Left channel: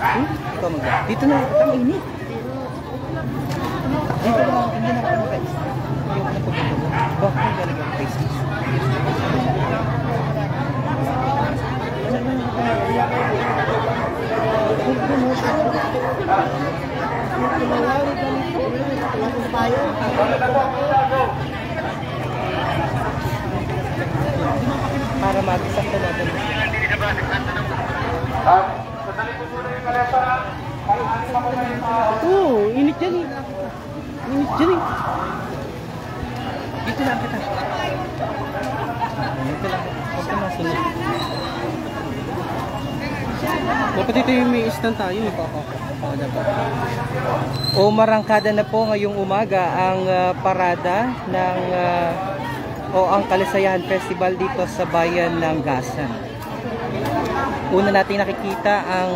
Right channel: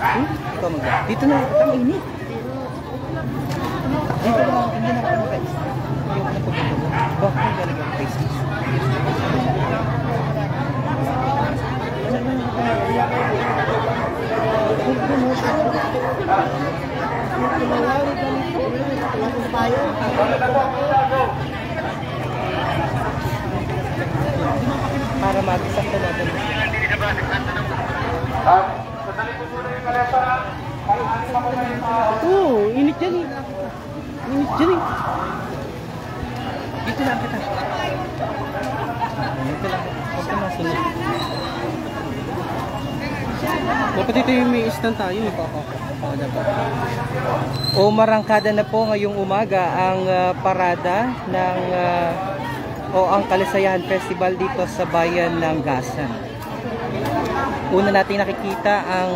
Ikaw magda. Dito na, ang init. Dito na, hindi na ako mag-face. Ayoko na pagkakalo. Bakit na talaga ang face mask? Para mag-isap na natin. Oo, init dyan eh. Init dyan eh. Dito lang kita. Dito lang. Huwag ka masunod. Dapat dito yung may stand tayo. O marangkada na po ngayong umaga ang parada ng ang Kalisayahan Festival dito sa bayan ng Gasan. Una natin nakikita ang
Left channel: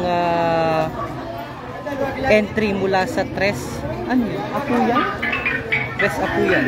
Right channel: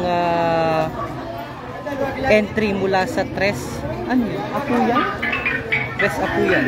entry mula sa Tres. Ano yun? Apuyan? Tres Apuyan.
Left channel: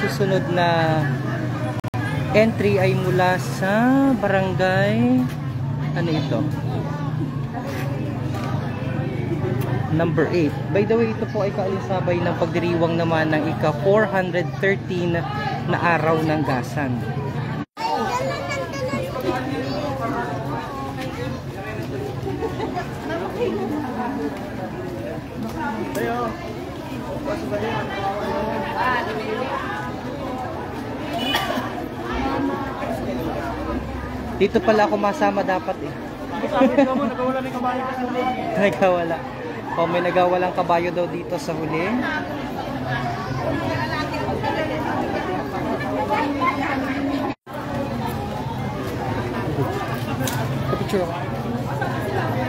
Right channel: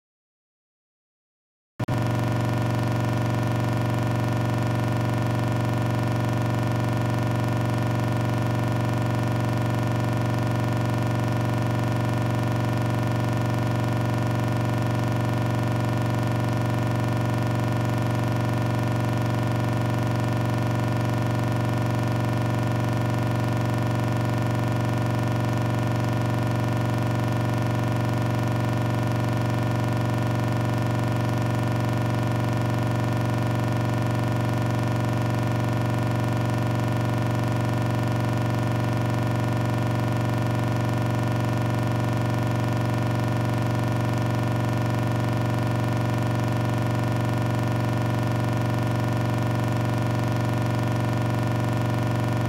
Susunod na entry ay mula sa barangay ano ito? Number 8. By the way, ito po ay kaalisabay ng pagdiriwang naman ng ika-413 na araw ng Gasan. Dito pala ako masama dapat. Nagkawala. O may nagawalang kabayo daw dito sa huli.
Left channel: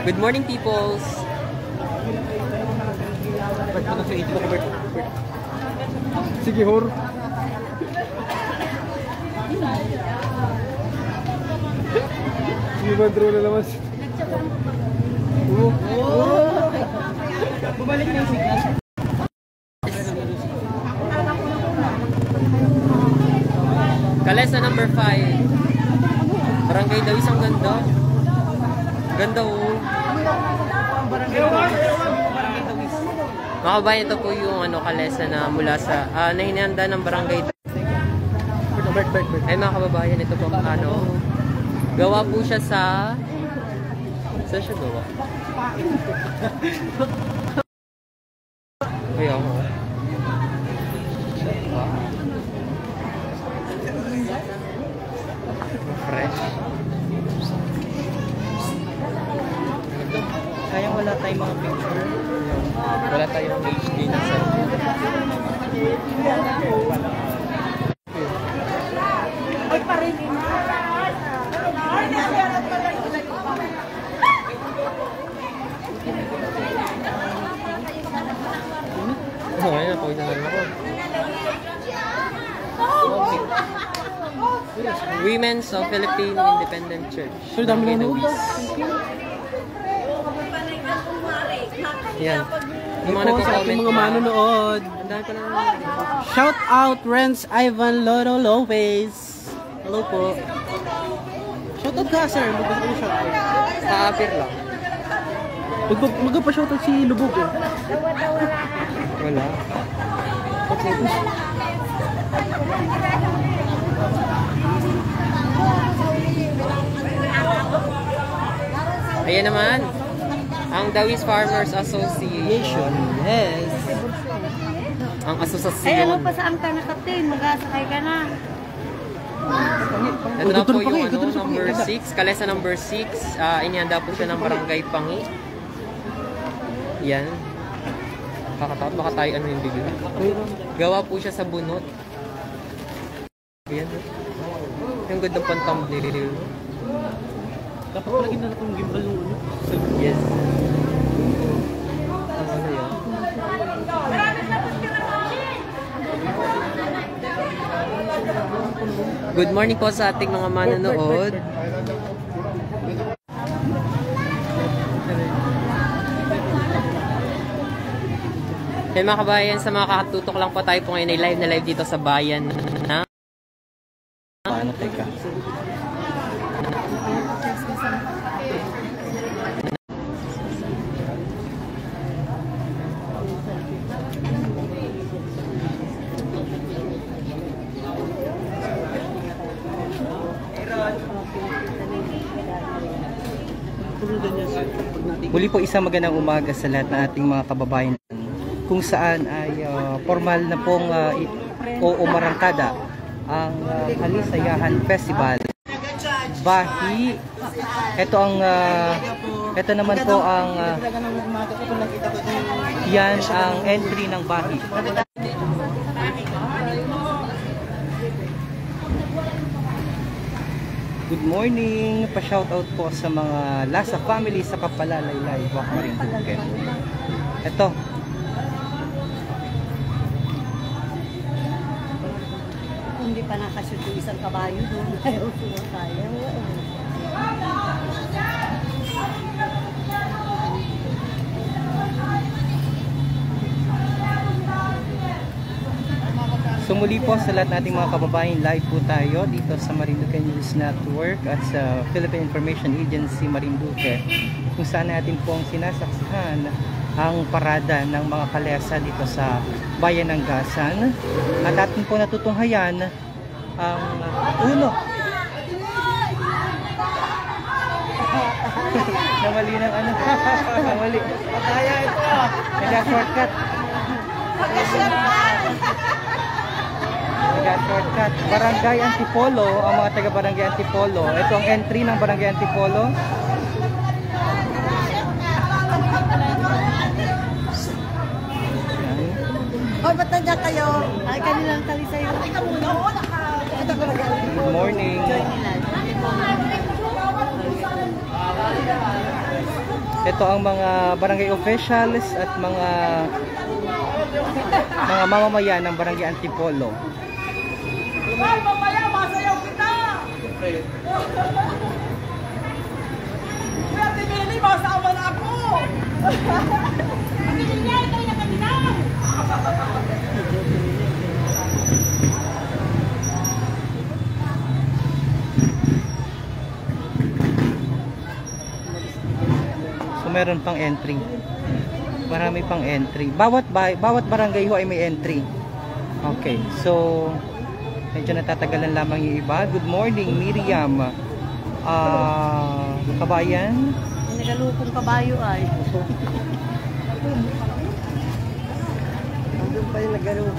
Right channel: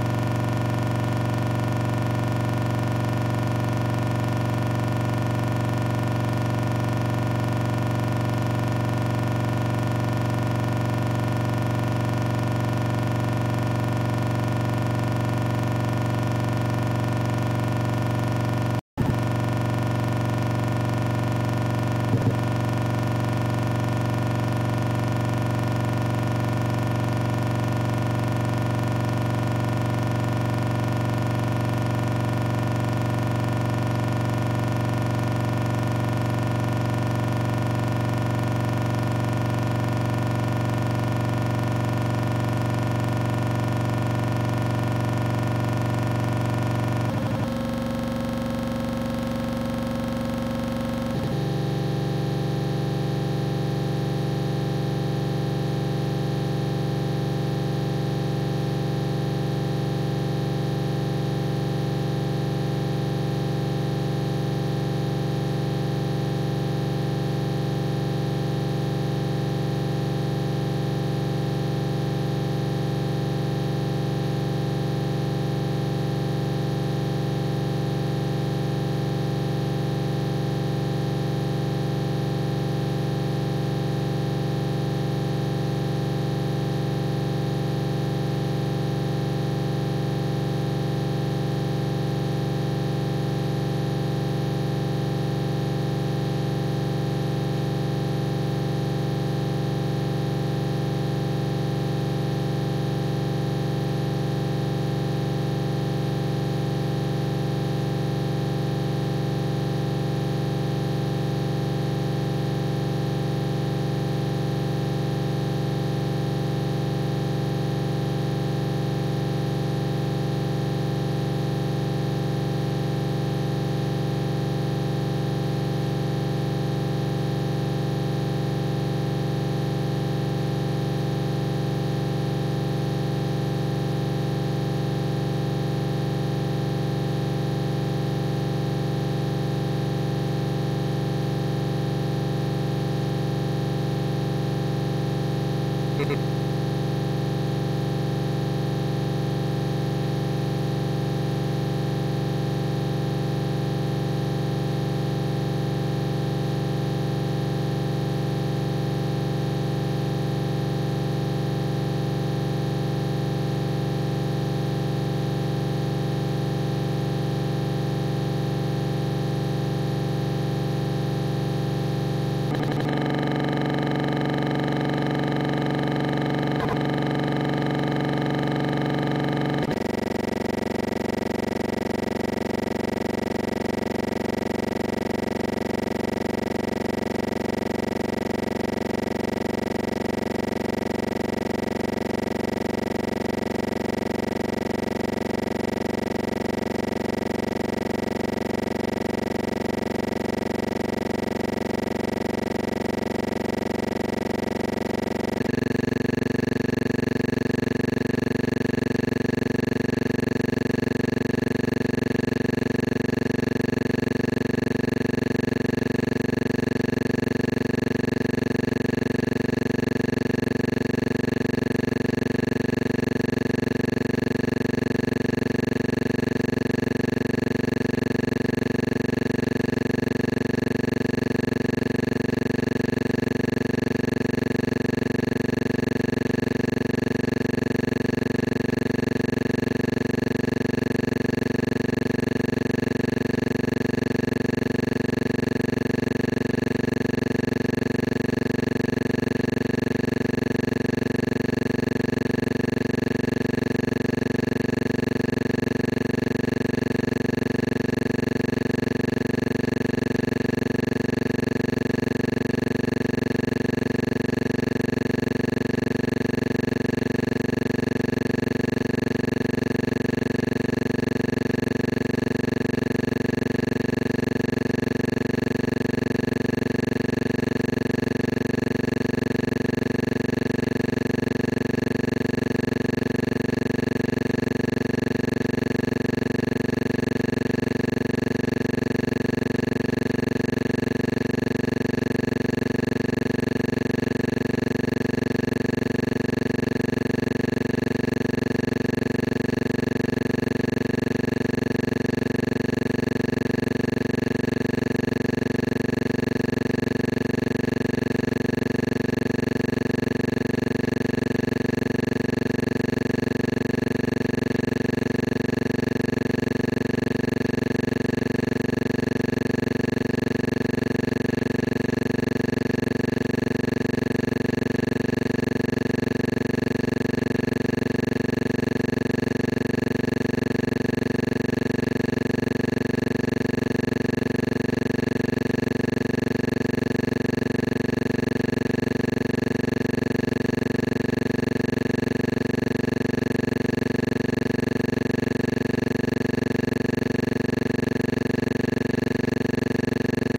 Good morning, peoples. Sige, hor. Ibadro na naman. Bumalik na yung signal. Kalesa number 5. Barangay Dawis, ang ganda. Ganda oh. Mga kabayan, ito po yung Kalesa na mula sa nahinanda ng barangay. Ay mga kababayan, ito po gawa po siya sa saan siya gawa? Kaya wala tayong mga picture. Wala tayong HD na sa ay parin. Women's of Philippine Independent Church. Sure, dami na yan. Yung mga nagko-comment, mga manonood. Shout out Renz Ivan Loro Lopez. Hello po. Shout out ka sir. Sa Abir lang. Magpa-shout out si Lubog eh. Wala. Ayan naman, ang Dawis Farmers Association. Yes. Ang asosasyon. Ay, ano pa sa ang tanakapin? Mag-asakay ka na. na po yung ano, number 6, Kalesa number 6. Inyanda po siya ng barangay Pangi. Yan. Baka tayo ano yung bibig. Gawa po siya sa bunot. Yan. Yung ganda pantamplil. Napapalagin na lang kung gimbal. Yes. Good morning po sa ating mga manonood. Yan mga kabayan, sa mga kakatutok lang po tayo po ngayon ay live na live dito sa bayan na Muli po isang magandang umaga sa lahat ng ating mga kababayan kung saan ay formal na pong o umarangkada ang Kalisayahan Festival Bahi. Ito naman po ang yan ang entry ng Bahi. Good morning, pa-shoutout po sa mga Lasa family sa Kapalalay Live. Ito. Hindi pa nakasipin sa kabayo doon. Ay, okay na tayo. So muli po sa lahat nating mga kababayan, live po tayo dito sa Marinduque News Network at sa Philippine Information Agency Marinduque, kung saan natin pong sinasaksahan ang parada ng mga kalesa dito sa bayan ng Gasan at atin po natutunghayan ang uno. Kamali ng ano? Kamali. Kaya ito. Kaya shortcut. Shortcut. Barangay Antipolo, ang mga taga Barangay Antipolo. Ito ang entry ng Barangay Antipolo. Oh, ba't nandiyan kayo? Ay, kanilang tali sa'yo. Good morning. Ito ang mga barangay officials at mga mamamayan ng Barangay Antipolo. Meron pang entry. Marami pang entry. Bawat barangay ho ay may entry. Okay. So medyo natatagalan lamang yung iba. Good morning, Miriam. Kabayan. Nagalupong kabayo ay. Nandun kayo nagalupong.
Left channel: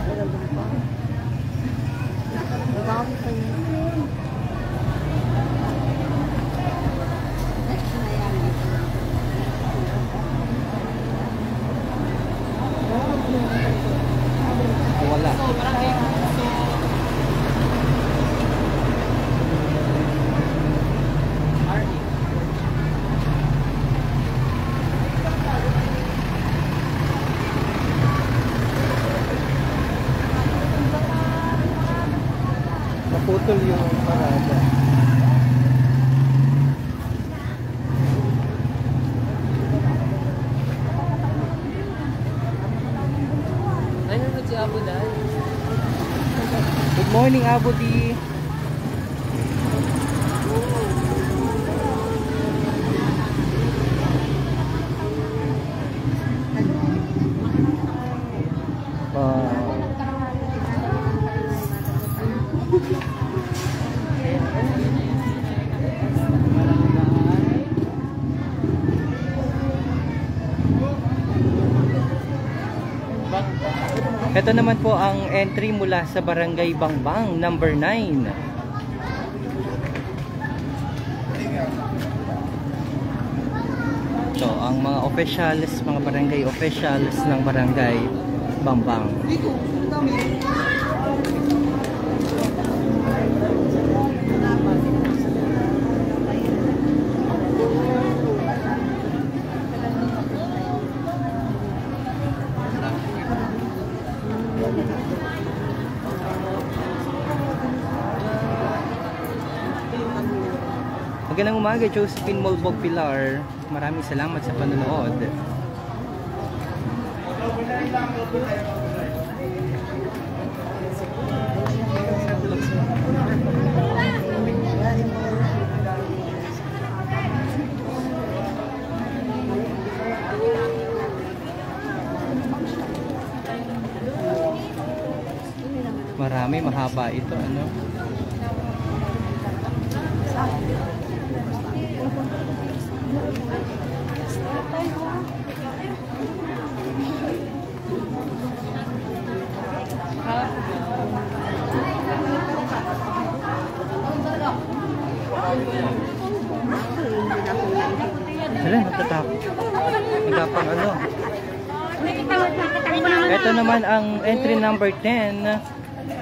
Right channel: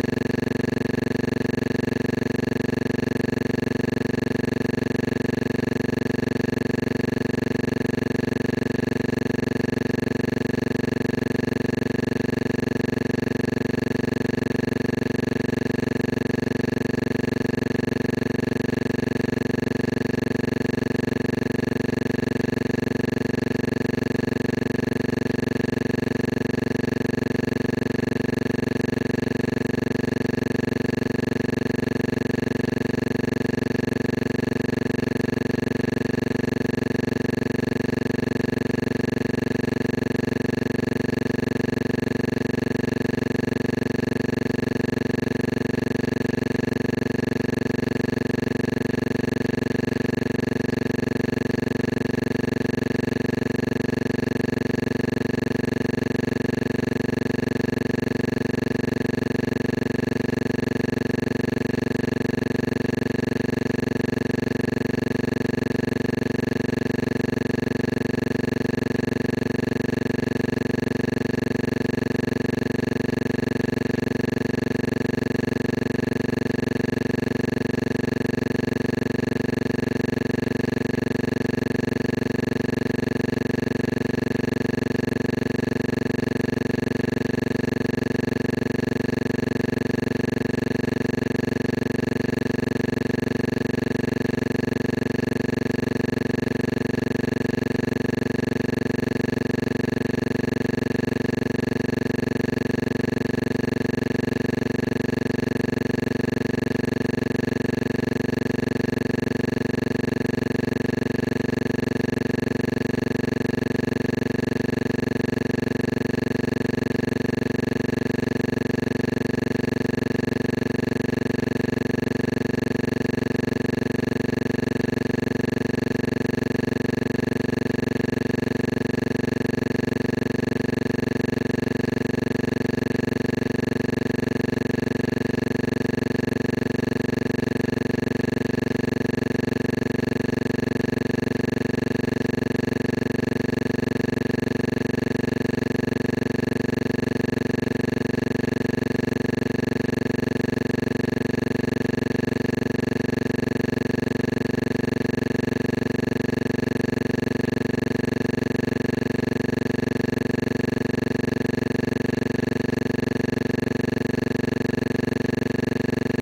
Naputol yung parada. Good morning, Abudi. Ito naman po ang entry mula sa Barangay Bangbang number 9. officials, mga barangay officials ng barangay Bambang. Magandang umaga, Josephine Molbog Pilar. Maraming salamat sa panonood. Marami, mahaba ito, no? Wala, natatakot. Wala pang ano. Ito naman ang entry number 10.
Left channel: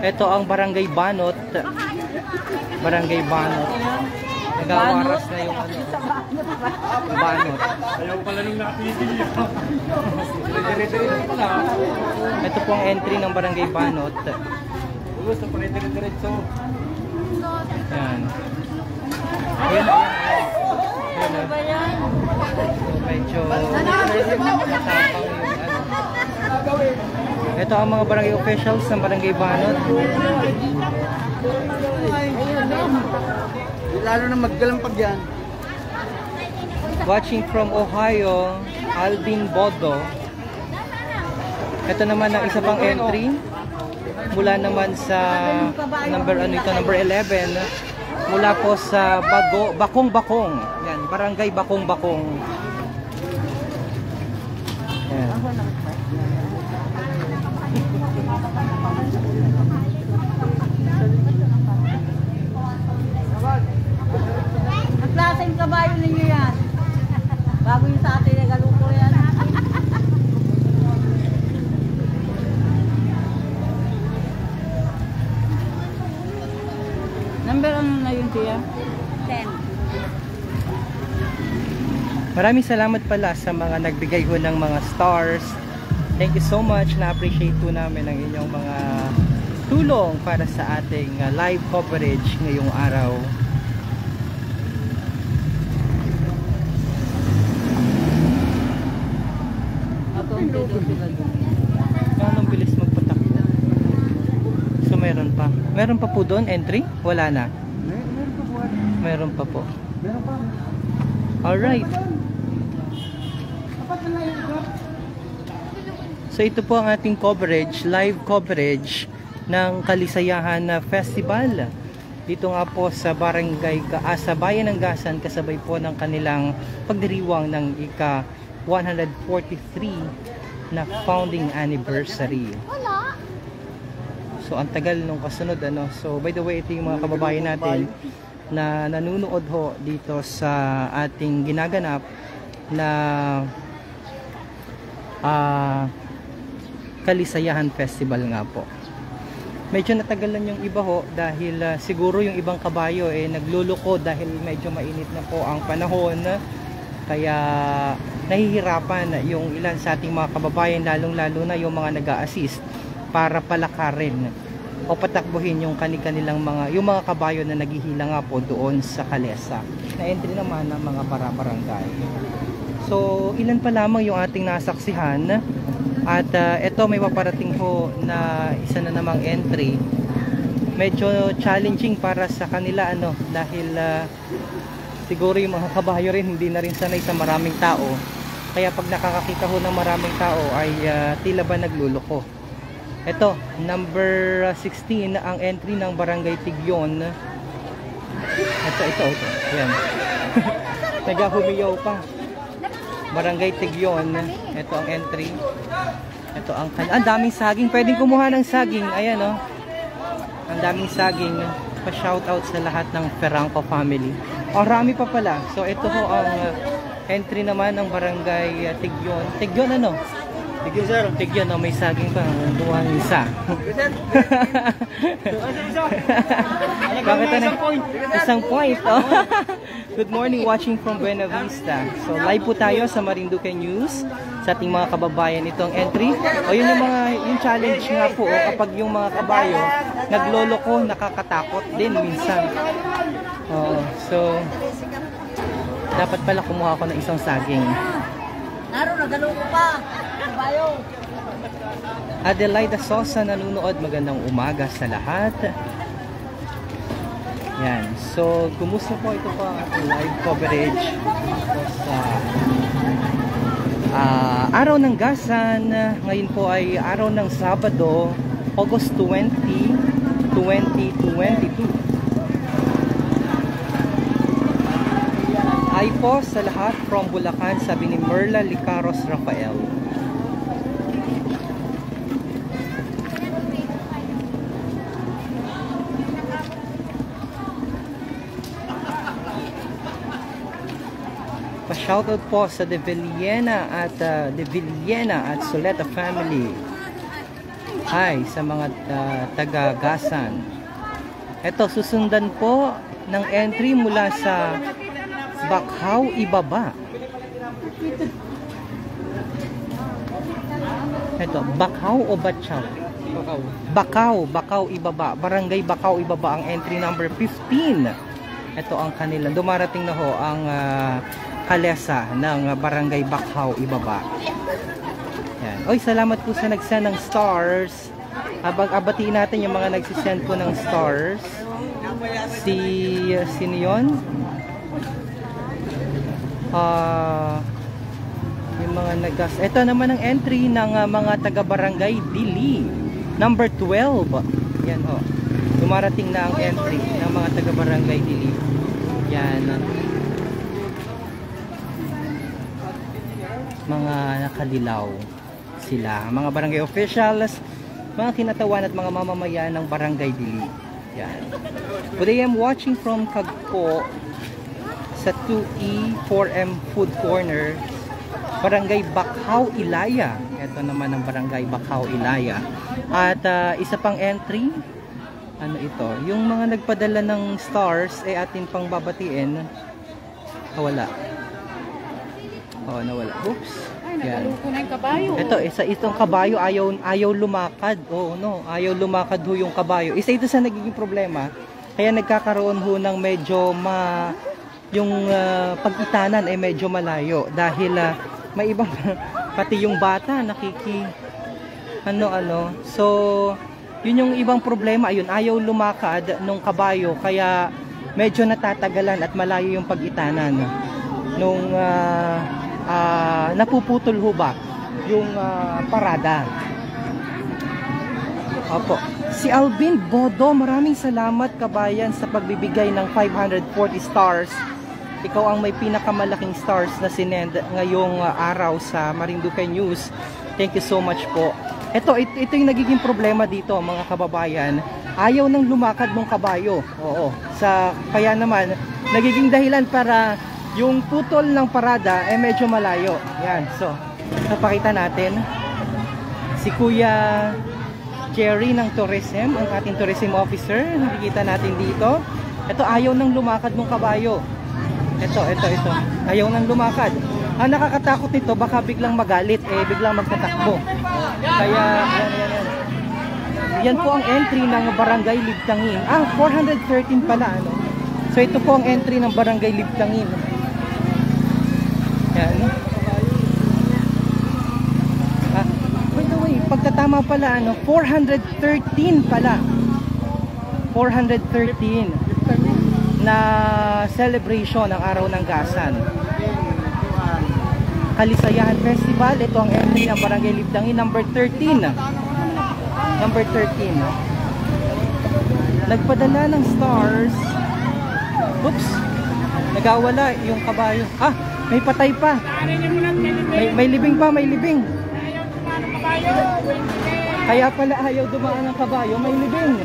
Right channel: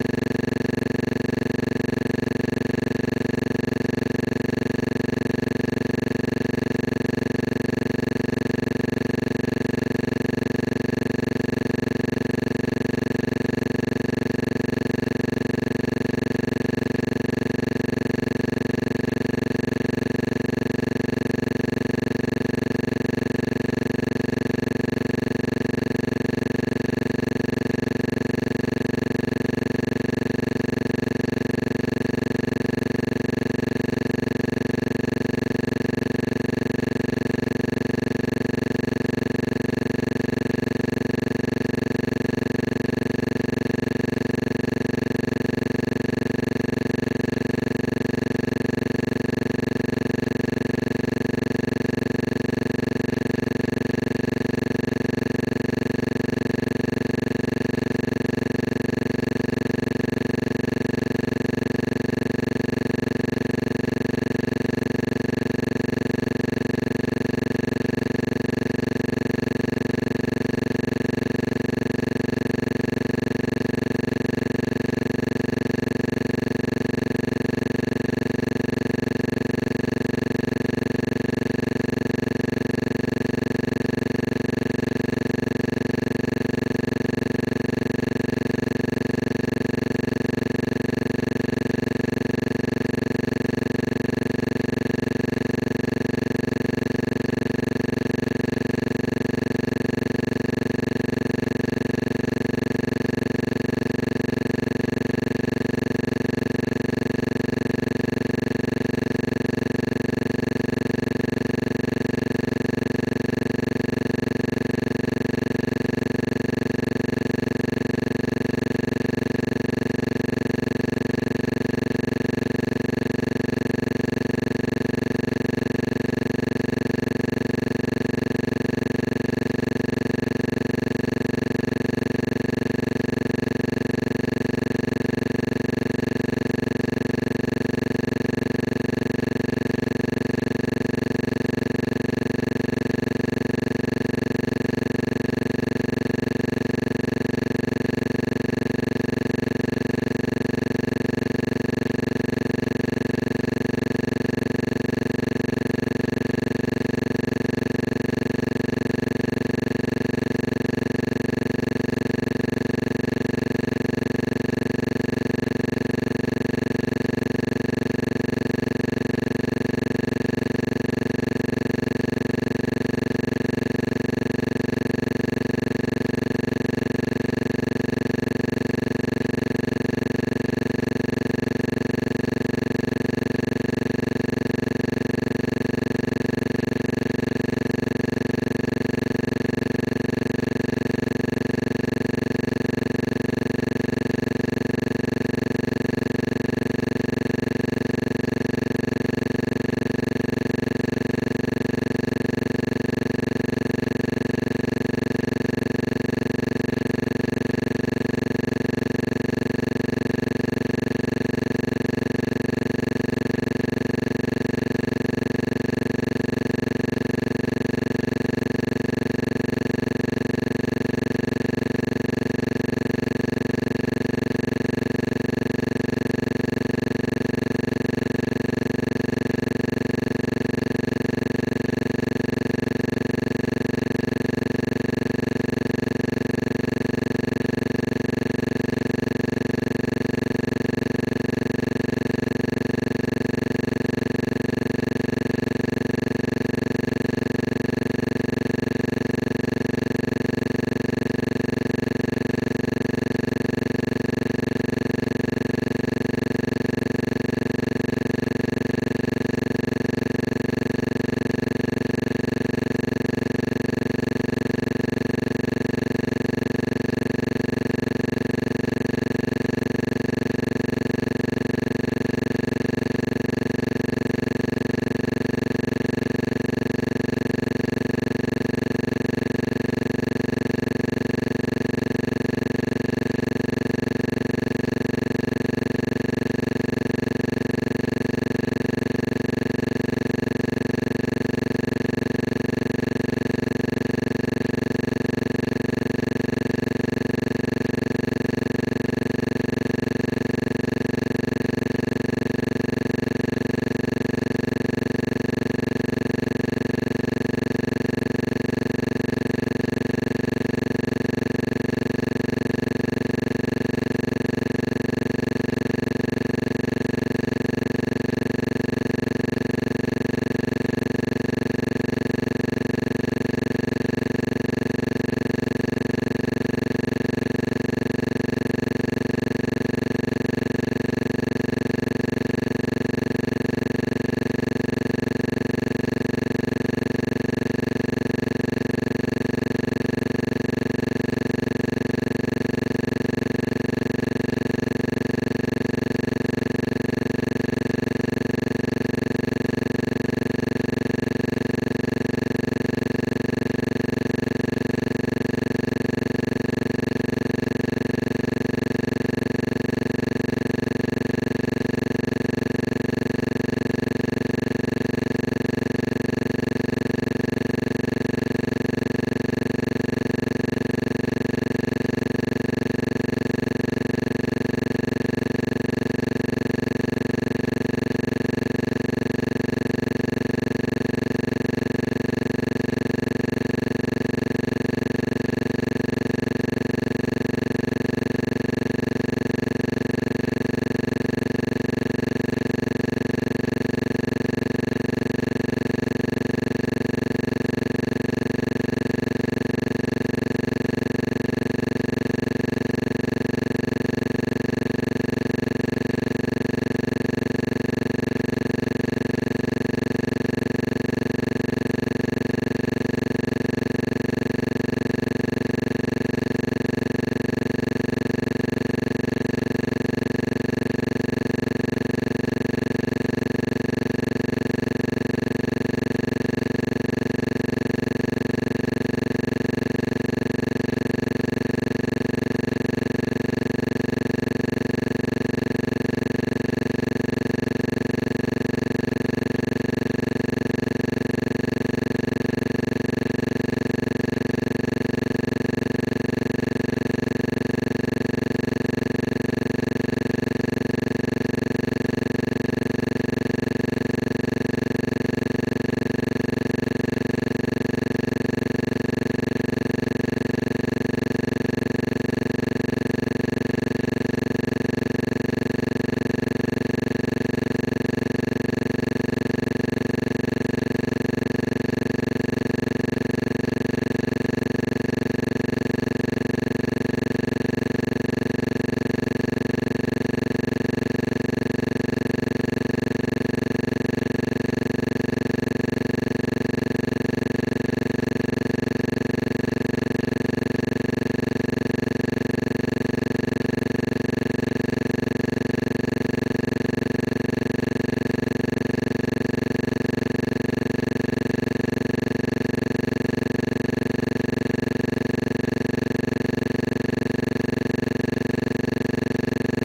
Ito ang Barangay Banot. Barangay Banot. Nagawaras na yung ano. Banot. Ito po ang entry ng Barangay Banot. Yan. Ayan. Medyo matapang yung ano. Ito ang mga barangay officials ng Barangay Banot. Lalo na magkalampag yan. Watching from Ohio, Alvin Bodo. Ito naman ang isa pang entry. Mula naman sa number 11. Mula po sa Bakong-Bakong. Yan, Barangay Bakong-Bakong. Yan. Ang klaseng kabayo ninyo yan. Bagong sa atin na galong ko yan. Number ano na yun kuya? 10. Maraming salamat pala sa mga nagbigay ko ng mga stars. Thank you so much. Na-appreciate po namin ang inyong mga tulong para sa ating live coverage ngayong araw. Gano'ng bilis magpunta? So meron pa. Meron pa po doon entry? Wala na. Meron pa po. Alright. So ito po ang ating coverage, live coverage ng Kalisayahan Festival. Ito nga po sa sa Bayan ng Gasan, kasabay po ng kanilang pagdiriwang ng ika 143 na founding anniversary. So ang tagal nung kasunod ano. So by the way, ito yung mga kababayan natin na nanunood ho dito sa ating ginaganap na Kalisayahan Festival nga po. Medyo natagalan yung iba ho dahil siguro yung ibang kabayo nagluluko dahil medyo mainit na po ang panahon, kaya nahihirapan yung ilan sa ating mga kababayan, lalong lalo na yung mga nag-a-assist para palakarin o patakbuhin yung kanilang yung mga kabayo na naghihina nga po doon sa kalesa na entry naman ng mga para-barangay. So ilan pa lamang yung ating nasaksihan. At ito may maparating po na isa na namang entry. Medyo challenging para sa kanila ano, dahil siguro yung mga kabayo rin hindi na rin sanay sa maraming tao. Kaya pag nakakakita ho ng maraming tao ay tila ba nagluluko. Ito, number 16 ang entry ng Barangay Tigyon. Ito. Yan. Nagahumiyaw pa. Barangay Tigyon. Ito ang entry. Ang daming saging. Pwede kumuha ng saging. Ayan o. Ang daming saging. Pa-shoutout sa lahat ng Ferrangco family. Ang rami pa pala. So ito po ang entry naman ng barangay Tigyon. Tigyon ano? Tigyon, sir. Tigyon, no? May saging pa. Kumuha ng isa. Bakit ano? Isang point, oh. Good morning, watching from Buena Vista. So, live po tayo sa Marinduque News sa ating mga kababayan itong entry. O yun yung challenge nga po, kapag yung mga kabayo nagloloko, nakakatakot din minsan. So, dapat pala kumuha ko ng isang saging. Naro, nagaloko pa. Kabayo. Adelaida Sosa nanonood, magandang umaga sa lahat. Yan. So, kumusta po ito po ang ating live coverage sa araw ng Gasan. Ngayon po ay araw ng Sabado, August 20, 2022. Hi po sa lahat from Bulacan, sabi ni Merla Liparos Rafael. Shoutout po sa De Villena at Soleta family. Hi sa mga taga-Gasan. Ito, susundan po ng entry mula sa Bakaw, Ibaba. Ito, Bakaw o Batyaw? Bakaw, Ibaba. Barangay Bakaw, Ibaba ang entry number 15. Ito ang kanila. Dumarating na ho ang kalesa ng Barangay Bakaw, Ibaba. Yan. Oy, salamat po sa nagsend ng stars. Abang-abatiin natin yung mga nagsisend po ng stars. Sino yun? Yung mga nagas. Ito naman ang entry ng mga taga-barangay Dili. Number 12. Yan ho. Dumarating na ang entry ng mga taga-barangay Dili. Yan. Mga nakadilaw sila. Mga barangay officials, mga kinatawan at mga mamamayan ng barangay Dili. Yan. Today I'm watching from Tagpo sa 2E 4M Food Corner, Barangay Bakaw, Ilaya. Ito naman ang Barangay Bakaw, Ilaya. At isa pang entry, ano ito, yung mga nagpadala ng stars ay atin pang babatiin. Wala. Nawala. Oops. Yan. Ito, itong kabayo ayaw lumakad. Ayaw lumakad ho yung kabayo. Isa ito sa nagiging problema. Kaya nagkakaroon ho ng medyo yung pagkitanan ay medyo malayo dahil may ibang pati yung bata so yun yung ibang problema, ayun, ayaw lumakad nung kabayo kaya medyo natatagalan at malayo yung pagkitanan nung napuputol ho ba yung parada. Opo. Si Alvin Bodo, maraming salamat kabayan sa pagbibigay ng 540 stars. Ikaw ang may pinakamalaking stars na sinend ngayong araw sa Marinduque News. Thank you so much po. Ito yung nagiging problema dito mga kababayan. Ayaw nang lumakad ng kabayo. Oo. Kaya naman, nagiging dahilan para yung putol ng parada ay medyo malayo. Yan. So, napakita natin si Kuya Cherry ng tourism, ang ating tourism officer. Nakikita natin dito. Ito, ayaw nang lumakad ng kabayo. Ito. Ayaw nang lumakad. Ang nakakatakot ito, baka biglang magalit, biglang magtatakbo. Kaya, yan po ang entry ng Barangay Ligtangin. 413 pala, ano? So, ito po ang entry ng Barangay Ligtangin. Yan. By the way, pagkatama pala, 413 pala. 413 na celebration ng Araw ng Gasan. Kalisayahan Festival, ito ang entry ng Barangay Ligtangin, number 13. Number 13. Nagpadala ng stars. Oops. Nagawala yung kabayo. May patay pa. May libing pa, may libing. Kaya pala ayaw dumaan ng kabayo, may libing.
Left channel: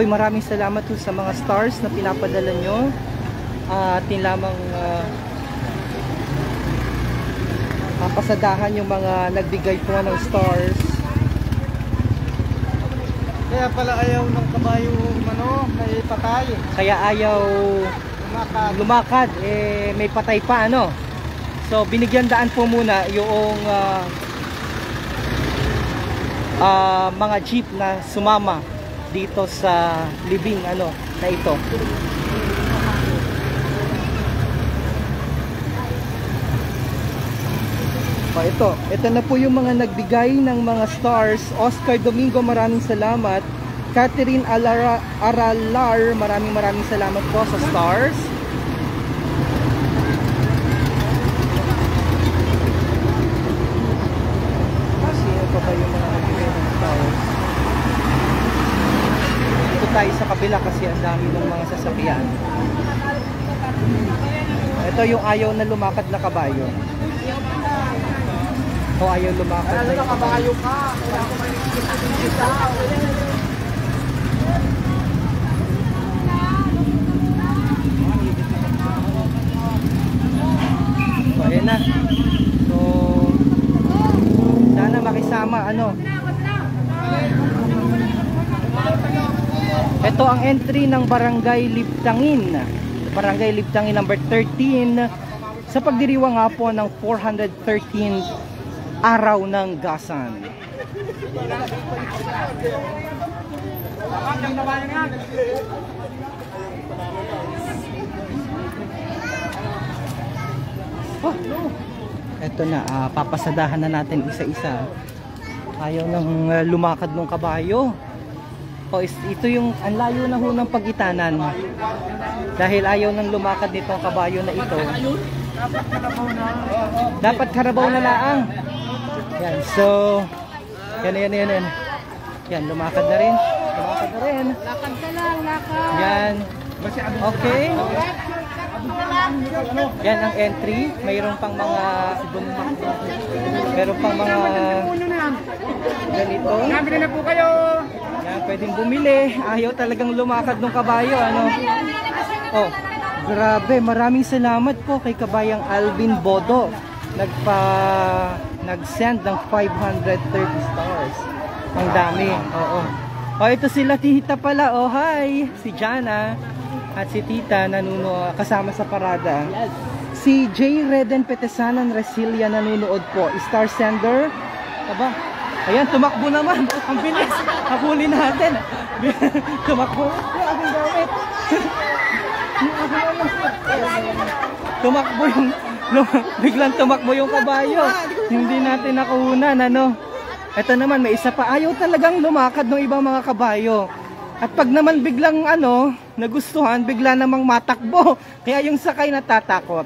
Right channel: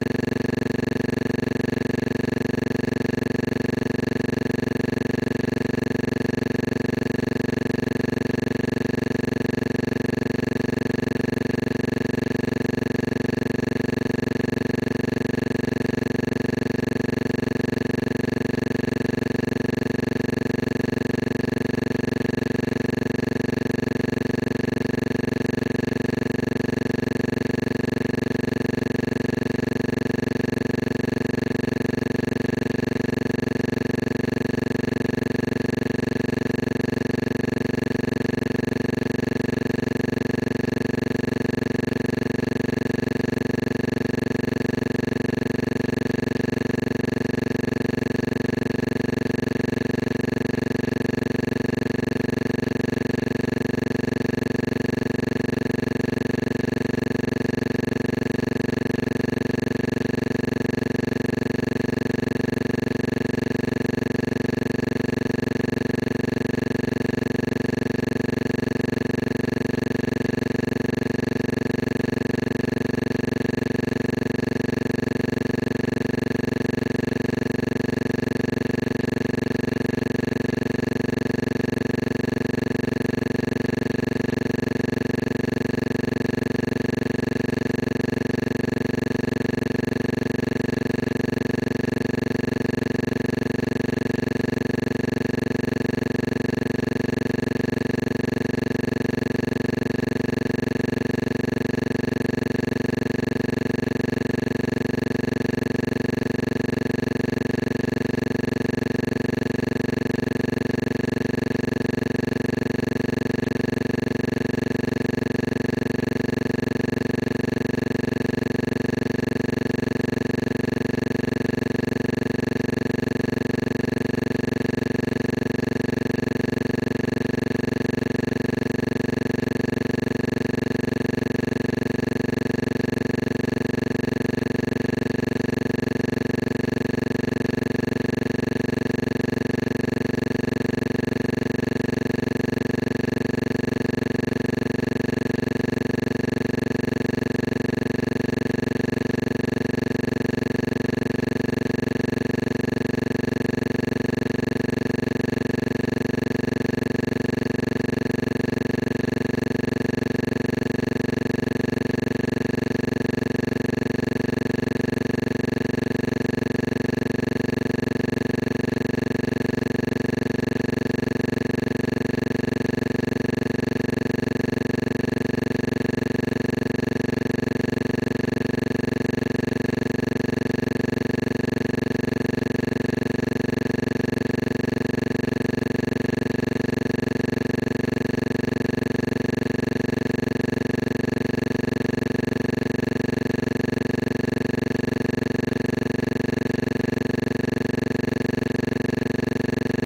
ako'y maraming salamat po sa mga stars na pinapadala nyo. Atin lamang papasadahan yung mga nagbigay po ng stars. Kaya pala ayaw ng kabayo may patay. Kaya ayaw lumakad, may patay pa, ano. So binigyan daan po muna yung mga jeep na sumama dito sa libing na ito. Ito na po yung mga nagbigay ng mga stars. Oscar Domingo, maraming salamat. Catherine Aralar, maraming salamat po sa stars. Sino pa ba yung mga nagbigay ng stars? Dito tayo sa kabila kasi ang dami ng mga sasakyan. Ito yung ayaw na lumakad na kabayo. O ayaw lumakad na yung kabayo ka. So ayan na. So sana makisama ito ang entry ng Barangay Libtangin. Barangay Libtangin number 13 sa pagdiriwang nga po ng 413 araw ng gasan. Ito na, papasadahan na natin isa-isa. Ayaw nang lumakad ng kabayo. Ito yung ang layo na ho ng pagitanan. Dahil ayaw nang lumakad dito ang kabayo na ito. Dapat karabaw na laang. Yan, so yan. Yan, lumakad na rin. Yan. Okay. Yan ang entry. Mayroon pang mga ganito. Nabili na po kayo. Pwedeng bumili. Ayaw talagang lumakad ng kabayo, Oh, grabe, maraming salamat po kay kabayang Alvin Bodo. Nag-send ng 530 stars. Ang dami. Oo. Ito sila tita pala. Hi, si Jana at si tita kasama sa parada. Si J. Reden Petesanan Resilia nanonood po. Star sender. Aba, ayan, tumakbo naman. Ang bilis. Habulin natin. Tumakbo. Tumakbo biglang tumakbo yung kabayo. Hindi natin nakuhunan, Ito naman, may isa pa. Ayaw talagang lumakad ng ibang mga kabayo. At pag naman biglang nagustuhan, bigla namang matakbo. Kaya yung sakay natatakot.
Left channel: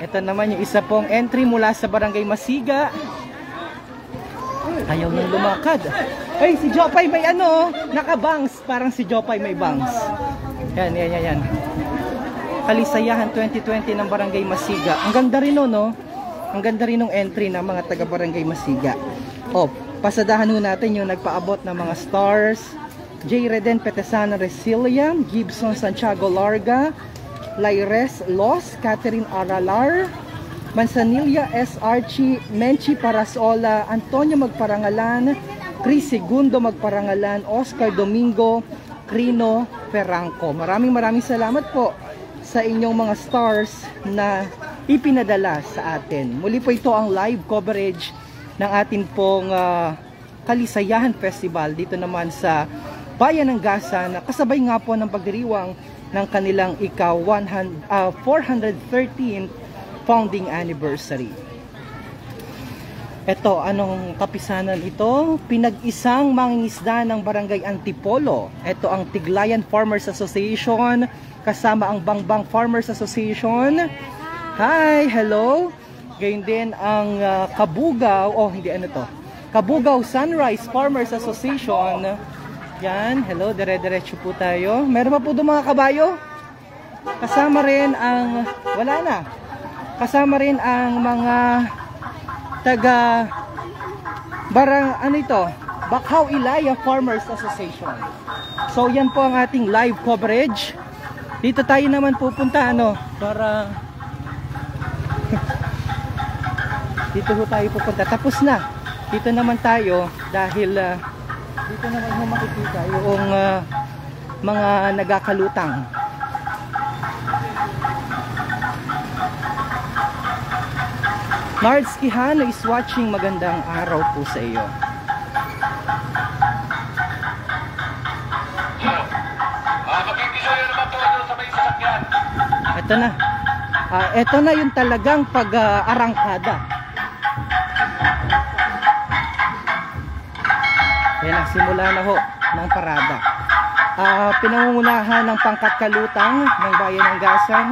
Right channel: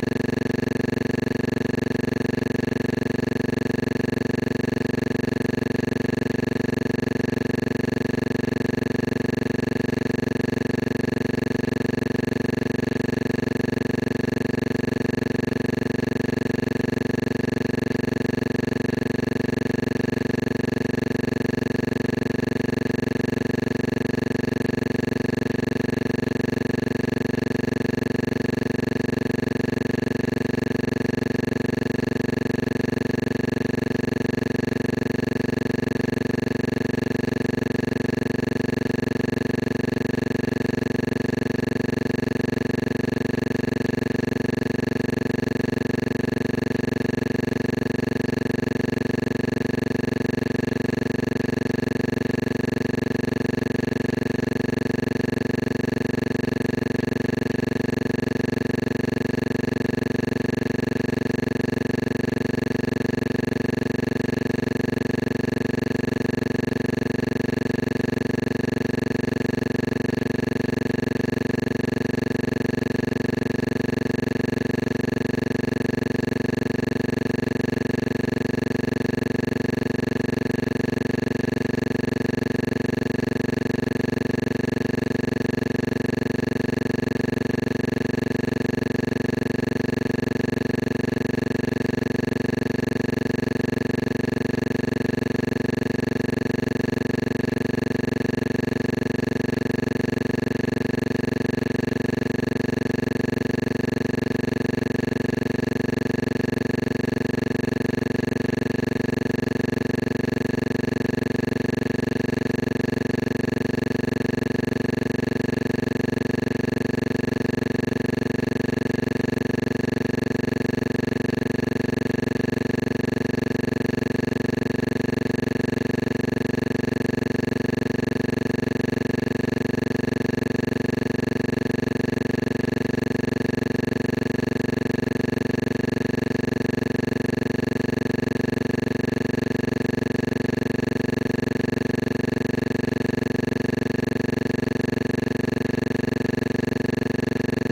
Ito naman yung isa pong entry mula sa Barangay Masiga. Ayaw nang lumakad. Ay, si Jopay may nakabangs. Parang si Jopay may bangs. Yan. Kalisayahan 2020 ng Barangay Masiga. Ang ganda rin Ang ganda rin ng entry ng mga taga Barangay Masiga. Pasadahan natin yung nagpaabot ng mga stars. J. Reden Petesana Resilia, Gibson Santiago Larga, Laires Los, Catherine Aralar, Manzanilla SRG, Menchi Parasola, Antonio Magparangalan, Chris Segundo Magparangalan, Oscar Domingo, Rino Perangco. Maraming salamat po sa inyong mga stars na ipinadala sa atin. Muli po ito ang live coverage ng ating pong Kalisayahan Festival dito naman sa Bayan ng Gasa na kasabay nga po ng pagdiriwang ng kanilang 413 founding anniversary. Ito, anong kapisanan ito? Pinag-isang mangingisda ng Barangay Antipolo. Ito ang Tiglayan Farmers Association kasama ang Bangbang Farmers Association. Hi, hello. Ganyan din ang Kabugaw, Kabugaw Sunrise Farmers Association. Yan, hello, dire-diretso po tayo. Meron pa po doon mga kabayo? Kasama rin ang, kasama rin ang mga taga Bacau Ilaya Farmers Association. So yan po ang ating live coverage. Dito tayo naman pupunta para dito po tayo pupunta. Tapos na. Dito naman tayo dahil dito naman makikita yung mga nagakalutang. Lars Quijano is watching. Magandang araw po sa iyo. Ito na. Ito na yung talagang pag-arangkada. Ayan, nagsimula na ho ng parada. Pinangungunahan ng pangkakalutang ng bayan ng Gasan.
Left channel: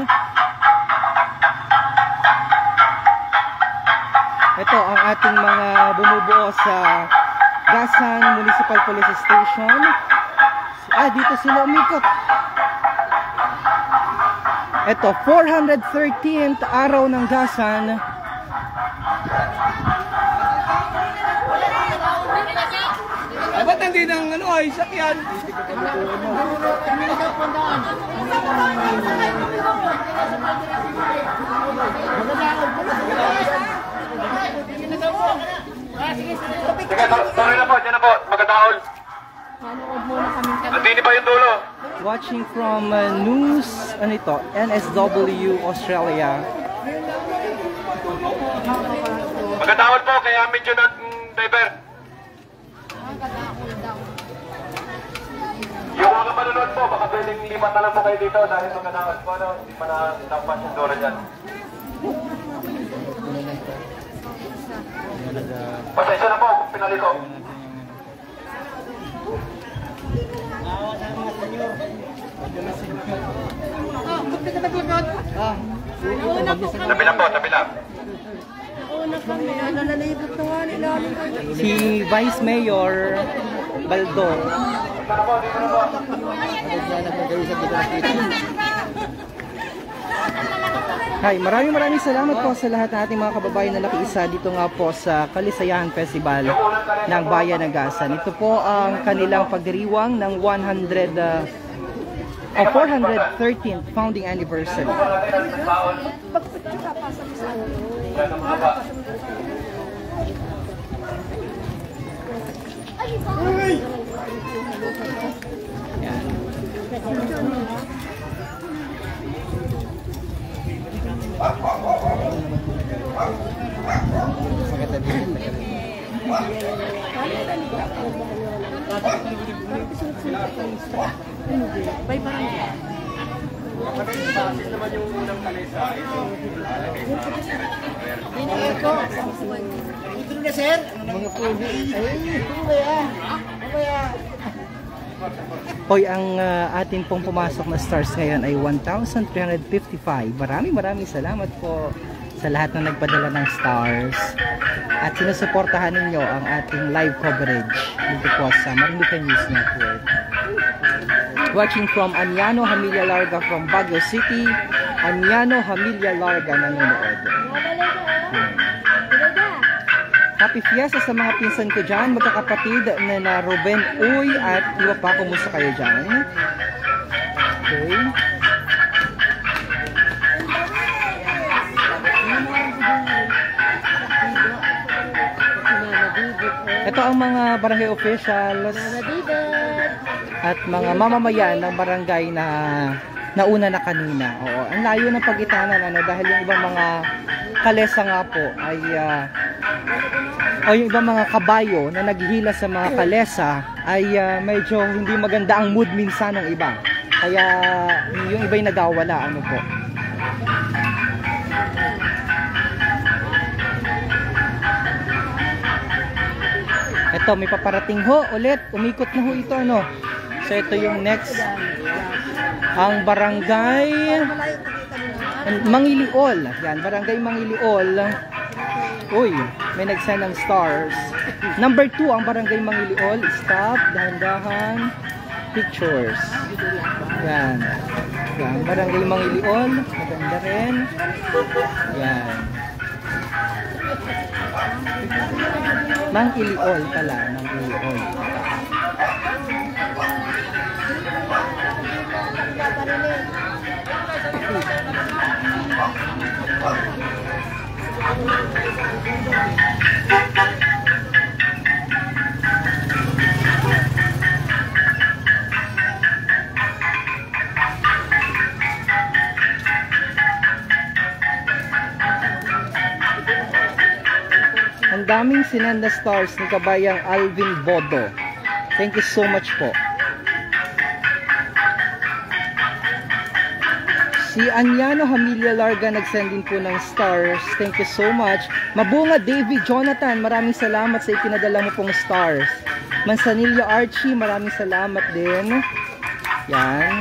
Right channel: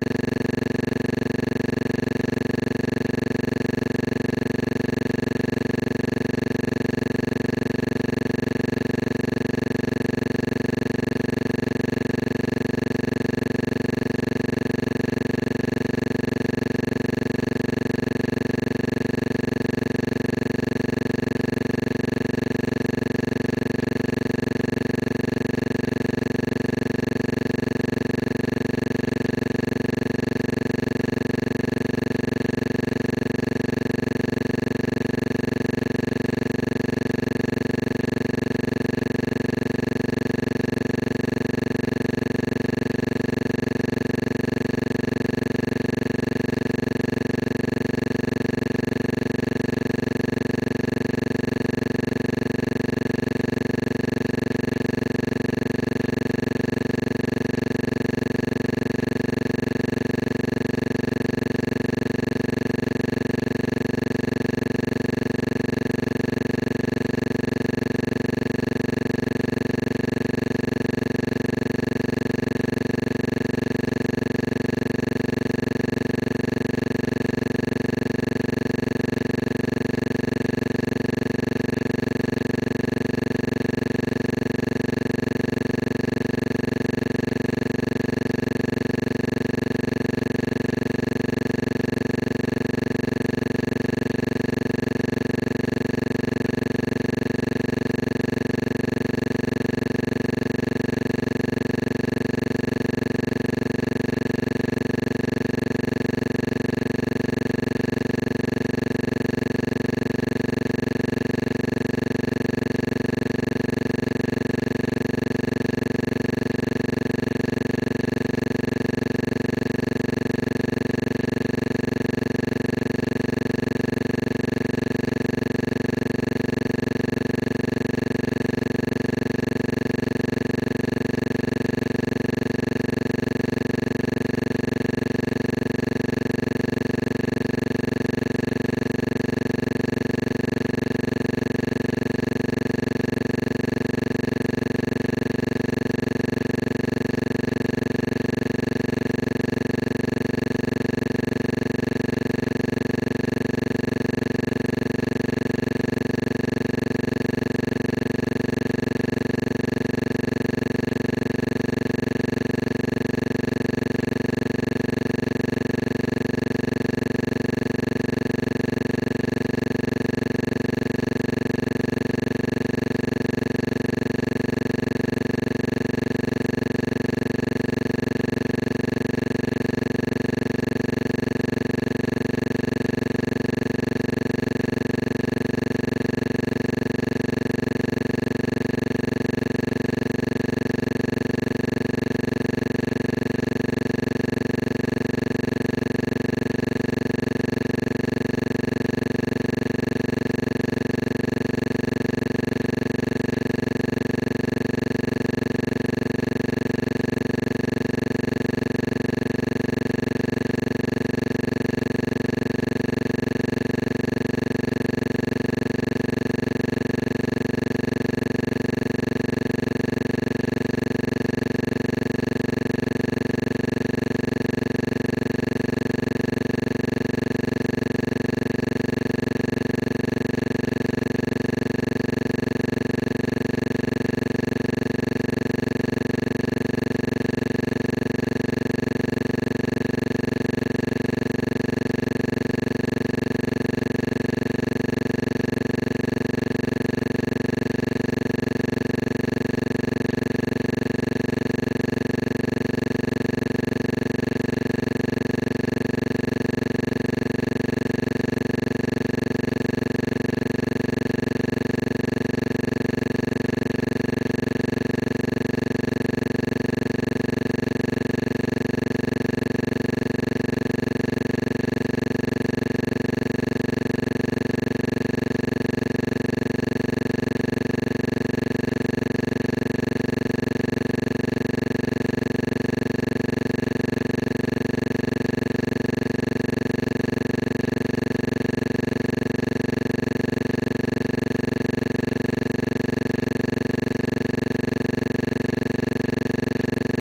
Ito ang ating mga bumubuo sa Gasan Municipal Police Station. Dito sila umikot. Ito, 413th araw ng Gasan. Ba't hindi nang ay sakyan? Sorry na po, dyan na po, magkataon. Nandini pa yung dulo. Watching from news, NSW Australia. Magkataon po, kaya medyo ng driver. Yung mga malulod po, baka pwedeng ipat na lang po kayo dito dahil magkataon po, hindi pa na dapat yung dora dyan. Pasensya na po, pinalito. Tabi na po, tabi na. Si Vice Mayor Baldo. Hi, maraming salamat po sa lahat ng ating mga kababayan na nakiisa dito nga po sa Kalisayahan Festival ng Bayan ng Gasan. Ito po ang kanilang pagdiriwang ng 413th founding anniversary. Hoy, ang ating pong pumasok na stars ngayon ay 1,355. Maraming salamat po sa lahat ng nagpadala ng stars at sinusuportahan ninyo ang ating live coverage dito po sa Maynila News Network. Watching from Anyano Familia Larga from Baguio City, Anyano Familia Larga ngayon. Happy Fiesta sa mga pinsan ko dyan, magkakapatid na Ruben Uy at iwa pa, kumusta kayo dyan? Okay. Ito ang mga barangay officials at mga mamamayan ng barangay na nauna na kanina. Oo, ang layo ng pagitanan dahil yung ibang mga kalesa nga po ay o yung ibang mga kabayo na naghihila sa mga kalesa ay medyo hindi maganda ang mood minsan ng iba. Kaya yung iba'y nagawala po. Ito, may paparating ho ulit. Umikot na ho ito, So ito yung next. Ang barangay Mangiliol. Yan, barangay Mangiliol. Uy, may nagsend ng stars. Number 2 ang barangay Mangiliol. Stop, dahan-dahan, pictures. Yan. Yan, barangay Mangiliol. Maganda rin. Yan. Mangiliol pala. maraming sinenda stars ni kabayang Alvin Bodo. Thank you so much po. Si Anyano Hamilya Larga nagsending po ng stars. Thank you so much. Mabunga David Jonathan, maraming salamat sa ipinadala mo pong stars. Mansanillo Archie, maraming salamat din. Yan.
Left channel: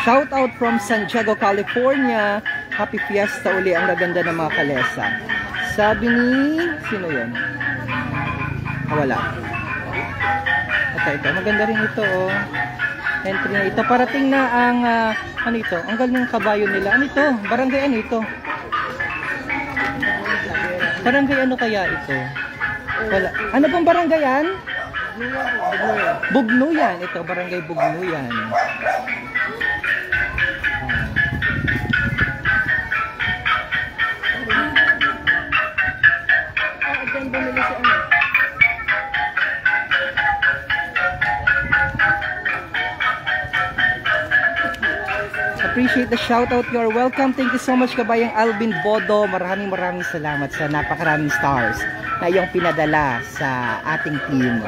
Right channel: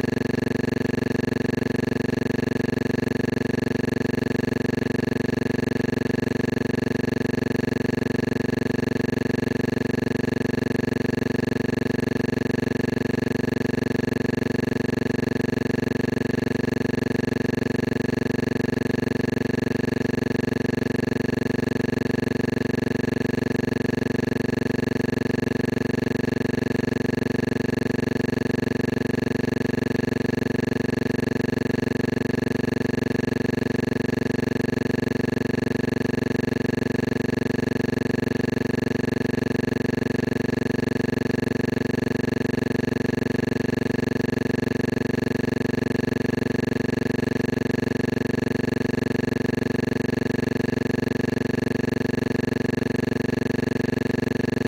Shout out from Santiago, California. Happy Fiesta uli. Ang gaganda ng mga kalesa. Sabi ni... Sino yan? Wala. Ito. Maganda rin ito, oh. Entry na ito. Parating na ang... ano ito? Ang gandang kabayo nila. Ano ito? Barangay ano ito? Barangay ano kaya ito? Wala. Ano bang barangay yan? Bugnuyan. Ito, barangay Bugnuyan. Appreciate the shoutout. You're welcome. Thank you so much kabayang Alvin Bodo. Maraming salamat sa napakaraming stars na iyong pinadala sa ating team.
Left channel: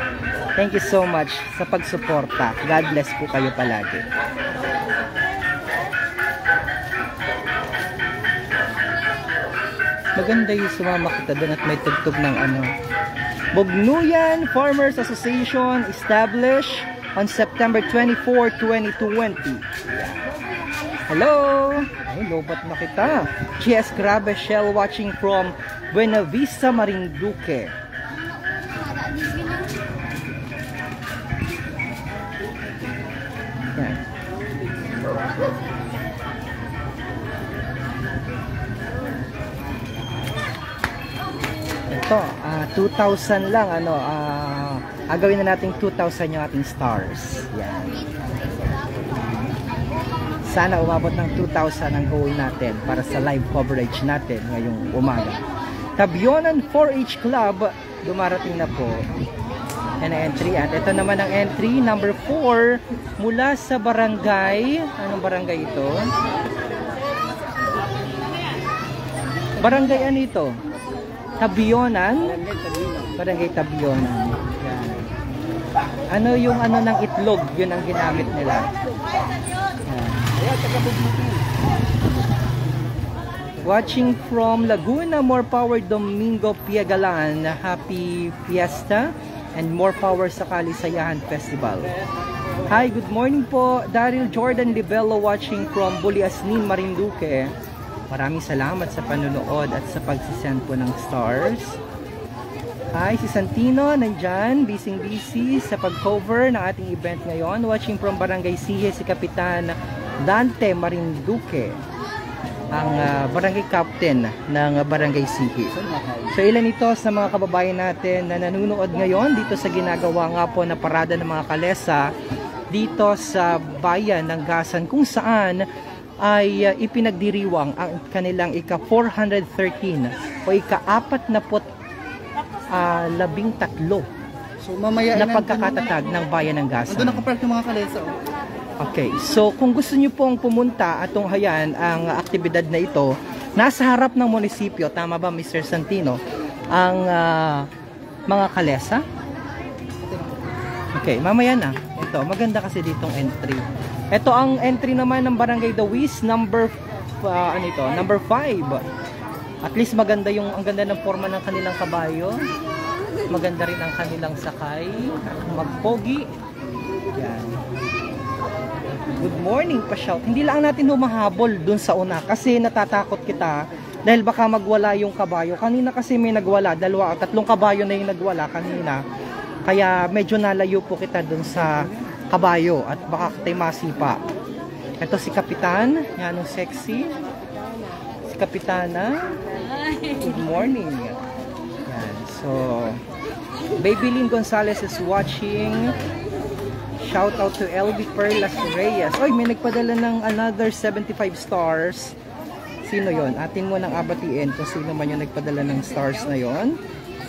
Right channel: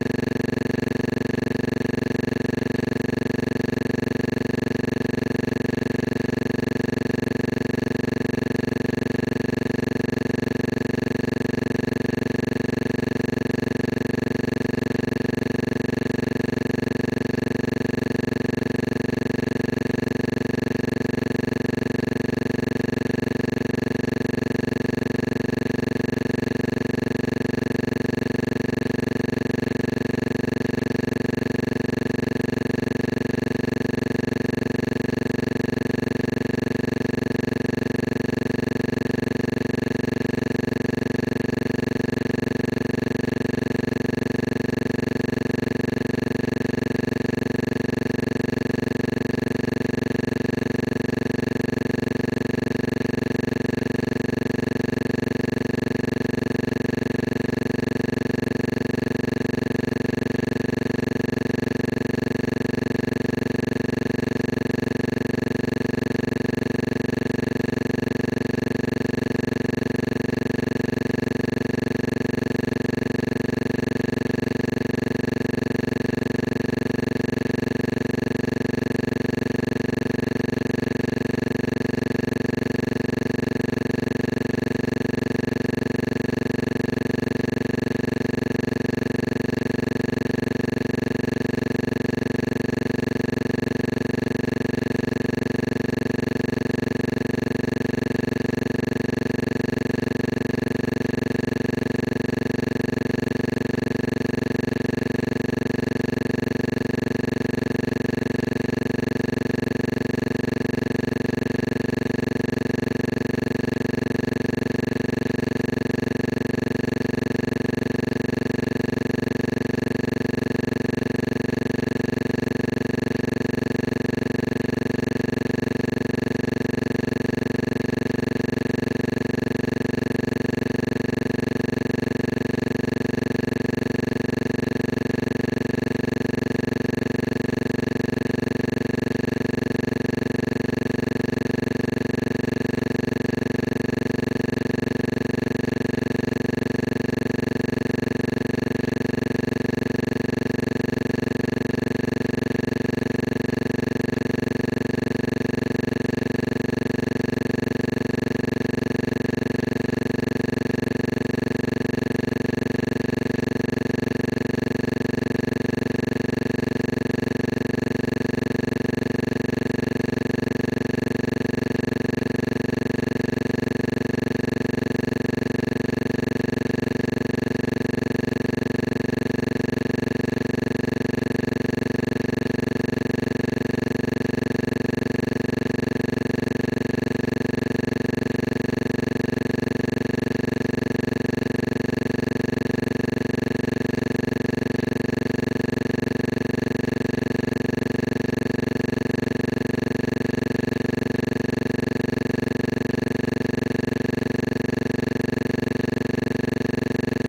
Thank you so much sa pagsuporta. God bless po kayo palagi. Maganda yung sumama kita doon at may tugtog ng ano. Bugnuyan Farmers Association established on September 24, 2020. Hello! Lobat na kita. GS Grabe Shell watching from Buena Vista, Marinduque. Ito, 2,000 lang. Ano, ang gawin na natin 2,000 yung ating stars. Sana umabot ng 2,000 ang goal natin para sa live coverage natin ngayong umaga. Tabionan 4H Club, dumarating na po. Yan ang entry. At ito naman ang entry, number 4, mula sa barangay. Anong barangay ito? Barangay ano ito? Tabionan? Barangay Tabionan. Ano yung ano ng itlog? Yun ang ginamit nila. Watching from Laguna, more power Domingo Piagalan. Happy Fiesta and more power sa Kalisayahan Festival. Hi, good morning po. Daryl Jordan Libello watching from Buliasnin, Marinduque. Maraming salamat sa panonood at sa pagsisend po ng stars. Hi, si Santino nandyan, busy sa pag-cover ng ating event ngayon. Watching from Barangay Siye, si Kapitan Dante Marinduque, ang barangay captain ng Barangay Siye. So ilan ito sa mga kababayan natin na nanonood ngayon dito sa ginagawa nga po na parada ng mga kalesa dito sa bayan ng Gasan, kung saan ay ipinagdiriwang ang kanilang ika-413 o ika-43 So mamaya na pagkakatatag ng bayan ng Gasan. doon ako park ng mga kalesa. Okay, so kung gusto niyo pong pumunta at tunghayan ang aktibidad na ito, nasa harap ng munisipyo, tama ba Mr. Santino, ang mga kalesa? Okay, mamaya na. Ito, maganda kasi ditong entry. Ito ang entry naman ng Barangay Dawis, number 5. At least maganda ang ganda ng forma ng kanilang kabayo. Maganda rin ang kanilang sakay. Magpogi. Morning pa shout. Hindi lang natin humahabol dun sa una kasi natatakot kita dahil baka magwala yung kabayo. Kanina kasi may nagwala, 2 o 3 kabayo na yung nagwala kanina. Kaya medyo nalayo po kita dun sa kabayo at baka kita'y masimpa. Ito si Kapitan, anong sexy. Si Kapitana. Good morning. So, Babylin Gonzalez is watching. Shout out to LB Perlas Reyes. Oy, may nagpadala ng another 75 stars. Sino yon? Atin mo nang abatiin kung sino man yung nagpadala ng stars na yon.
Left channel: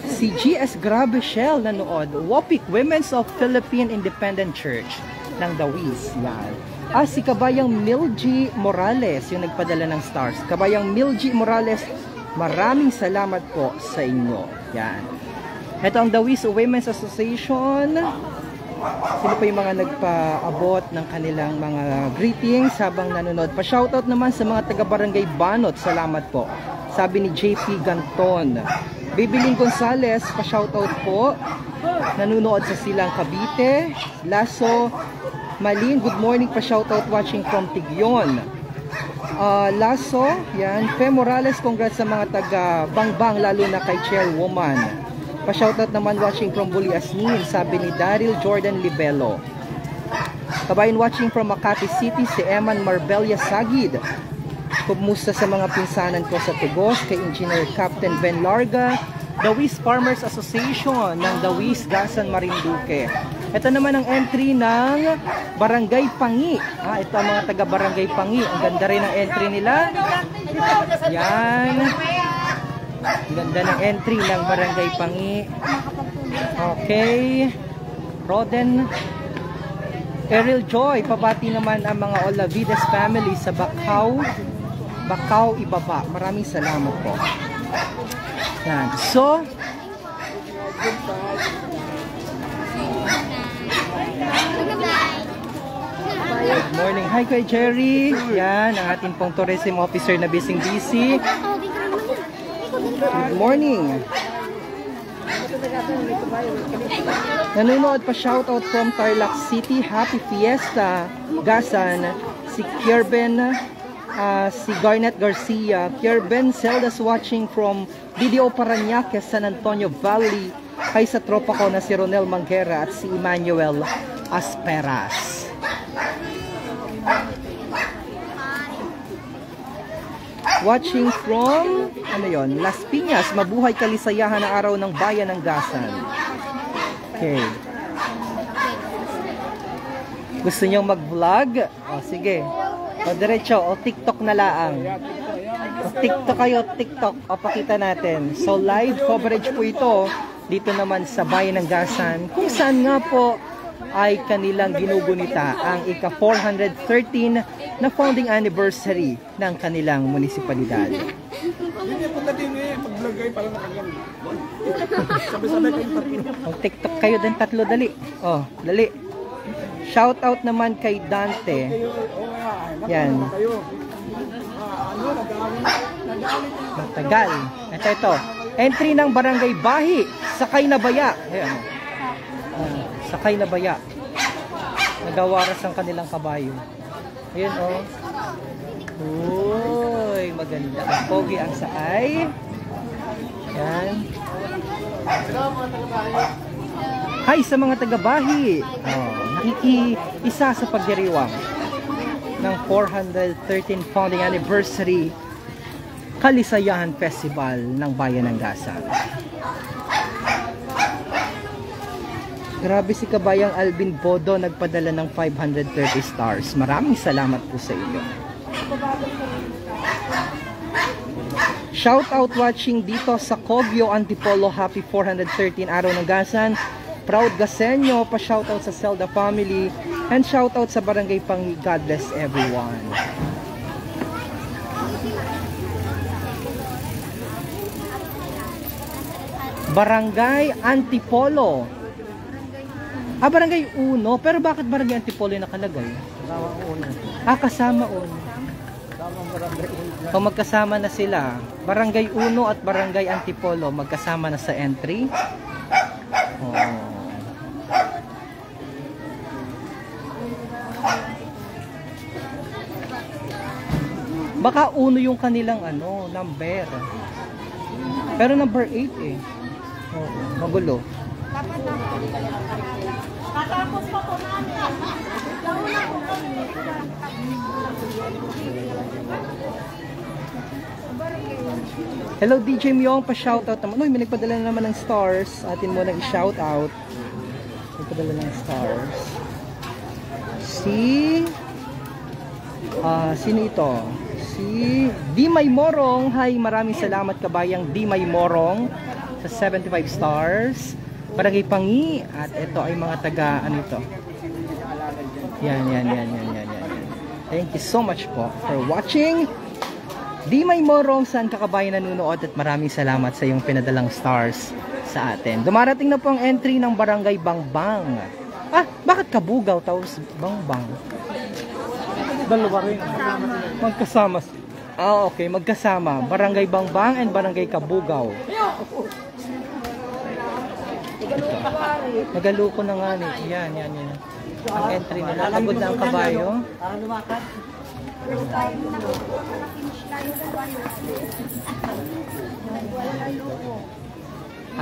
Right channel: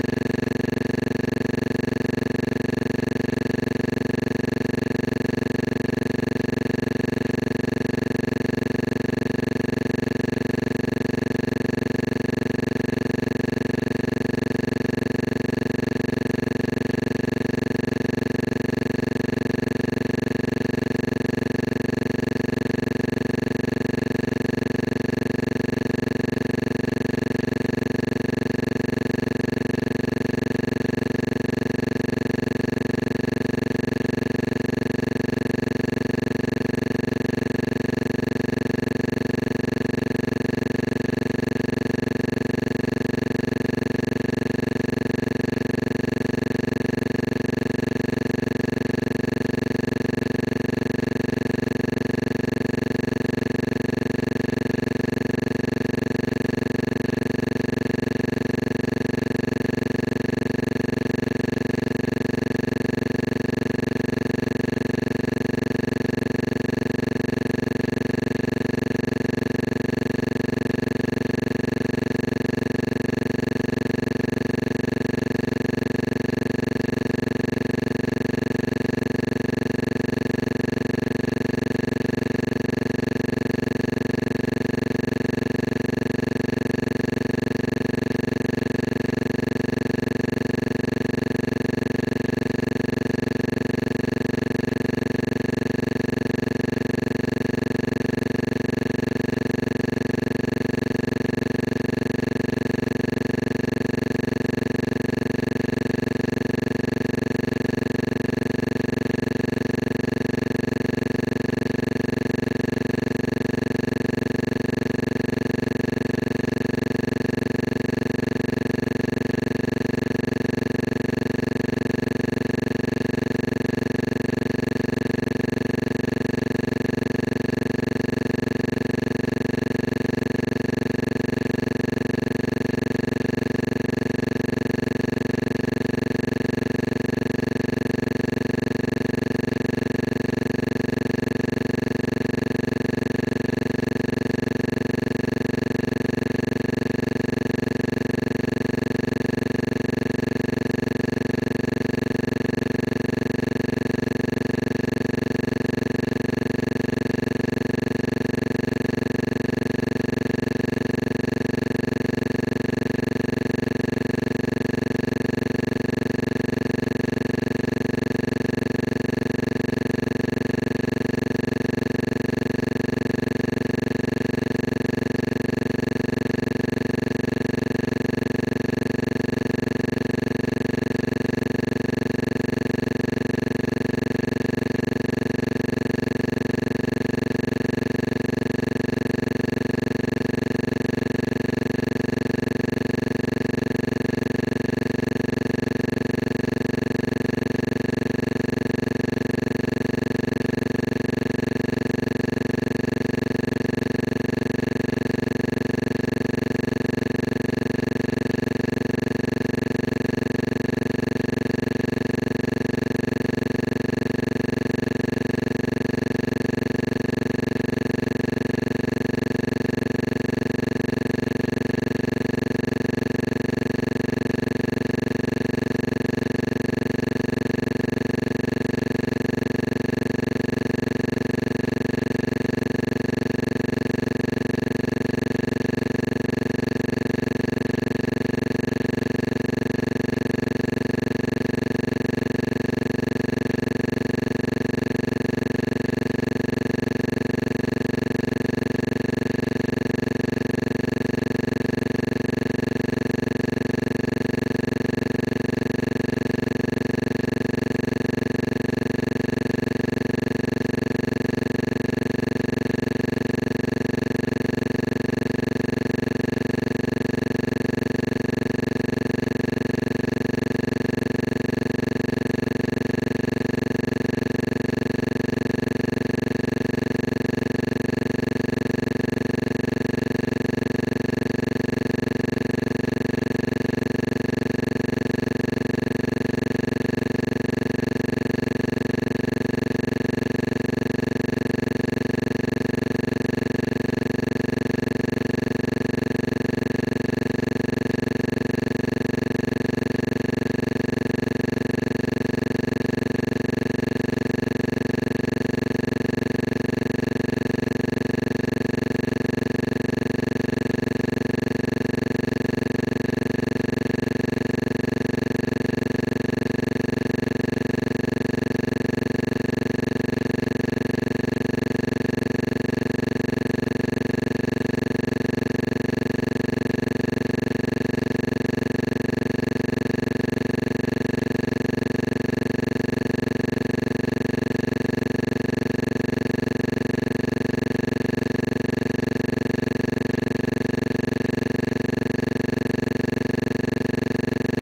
Si GS Grabe Shell nanood. Wapik Women's of Philippine Independent Church ng Dawis. Yan. Si Kabayang Milgie Morales, yung nagpadala ng stars. Kabayang Milgie Morales, maraming salamat po sa inyo. Yan. Ito ang The Wiz Women's Association. Sino po yung mga nagpaabot ng kanilang mga greetings habang nanonood. Pa-shoutout naman sa mga taga-barangay Banot. Salamat po. Sabi ni JP Ganton. Bibiling Gonzales, pa-shoutout po. Nanonood sa Silang Cavite. Lasso Malin, good morning, pa-shoutout watching from Tigyon. Lasso, yan. Fe Morales, congrats sa mga taga-bangbang, lalo na kay Chairwoman. Pa-shoutout naman watching from Buliasnin, sabi ni Daryl Jordan Libelo. Kabayan watching from Makati City, si Eman Marbella Sagid. Kumusta sa mga pinsanan ko sa Tugos, kay Engineer Captain Ben Larga, The Wiz Farmers Association ng The Wiz Gasan Marinduque. Ito naman ang entry ng Barangay Pangi. Ito ang mga taga Barangay Pangi. Ang ganda rin ang entry nila. Yan. Ganda ng entry ng Barangay Pangi. Okay. Roden. Errol Joy. Pabati naman ang mga Olavides family sa Bacau. Bacau, Ibaba. Maraming salamat po. Yan. So, morning. Hi kay Jerry. Yan, ang ating pong tourism officer na busy. Good morning. Nanonood pa shoutout from Tarlac City. Happy Fiesta. Gasan. Si Kierben. Si Garnet Garcia. Kierben Zelda's watching from Video Parañaque, San Antonio Valley. Ay sa tropa ko na si Ronel Manguera at si Emmanuel Asperas. Watching from Las Piñas, mabuhay kalisayahan ang araw ng bayan ng Gasan. Okay. Gusto nyo mag-vlog? Sige. Diretso, TikTok na lang. TikTok kayo, TikTok. Papakita natin. So live coverage po ito dito naman sa bayan ng Gasan, kung saan nga po ay kanilang ginugunita ang ika-413 na founding anniversary ng kanilang munisipalidad. Mag-TikTok kayo din tatlo, dali. Dali. Shoutout naman kay Dante. Yan. Matagal. Ito. Entry ng Barangay Bahi. Sakay na Baya. Ayan. Sakay na Baya. Nagawaras ang kanilang kabayo. Ayan o. Uy, maganda. Pogi ang sakay. Ayan. Hi sa mga taga-Bahi. Isa sa pagdiriwa ng 413 founding anniversary Kalisayahan Festival ng Bayan ng Gasan. Grabe si Kabayang Alvin Podo, nagpadala ng 530 stars. Maraming salamat po sa inyo. Shout out watching dito sa Cobio, Antipolo. Happy 413 araw ng Gasan. Proud Gasenyo, pa shout out sa Zelda family. And shout out sa Barangay Pangi. God bless everyone. Barangay Antipolo. Barangay 1. Pero bakit Barangay Antipolo yung nakalagay? Kasama o. O magkasama na sila. Barangay 1 at Barangay Antipolo magkasama na sa entry. Baka 1 yung kanilang number. Pero number 8 eh. Magulo. Hello DJ Myong, pa-shoutout naman. Uy, may nagpadala naman ng stars. Atin mo nag-shoutout. Nagpadala ng stars. Sino ito? Si Dimay Morong. Hi, maraming salamat Kabayang Dimay Morong sa 75 stars. Barangay Pangi. At ito ay mga taga, to? Yan. Thank you so much po for watching. Di may morong saan ka kabayan nanonood at maraming salamat sa iyong pinadalang stars sa atin. Dumarating na po ang entry ng Barangay Bangbang. Bakit Kabugaw tapos Bangbang? Dalawa rin. Magkasama. Okay, magkasama. Barangay Bangbang and Barangay Kabugaw. Nagaluko na nga ni. Yan. Ang entry na nakagod na ang kabayo.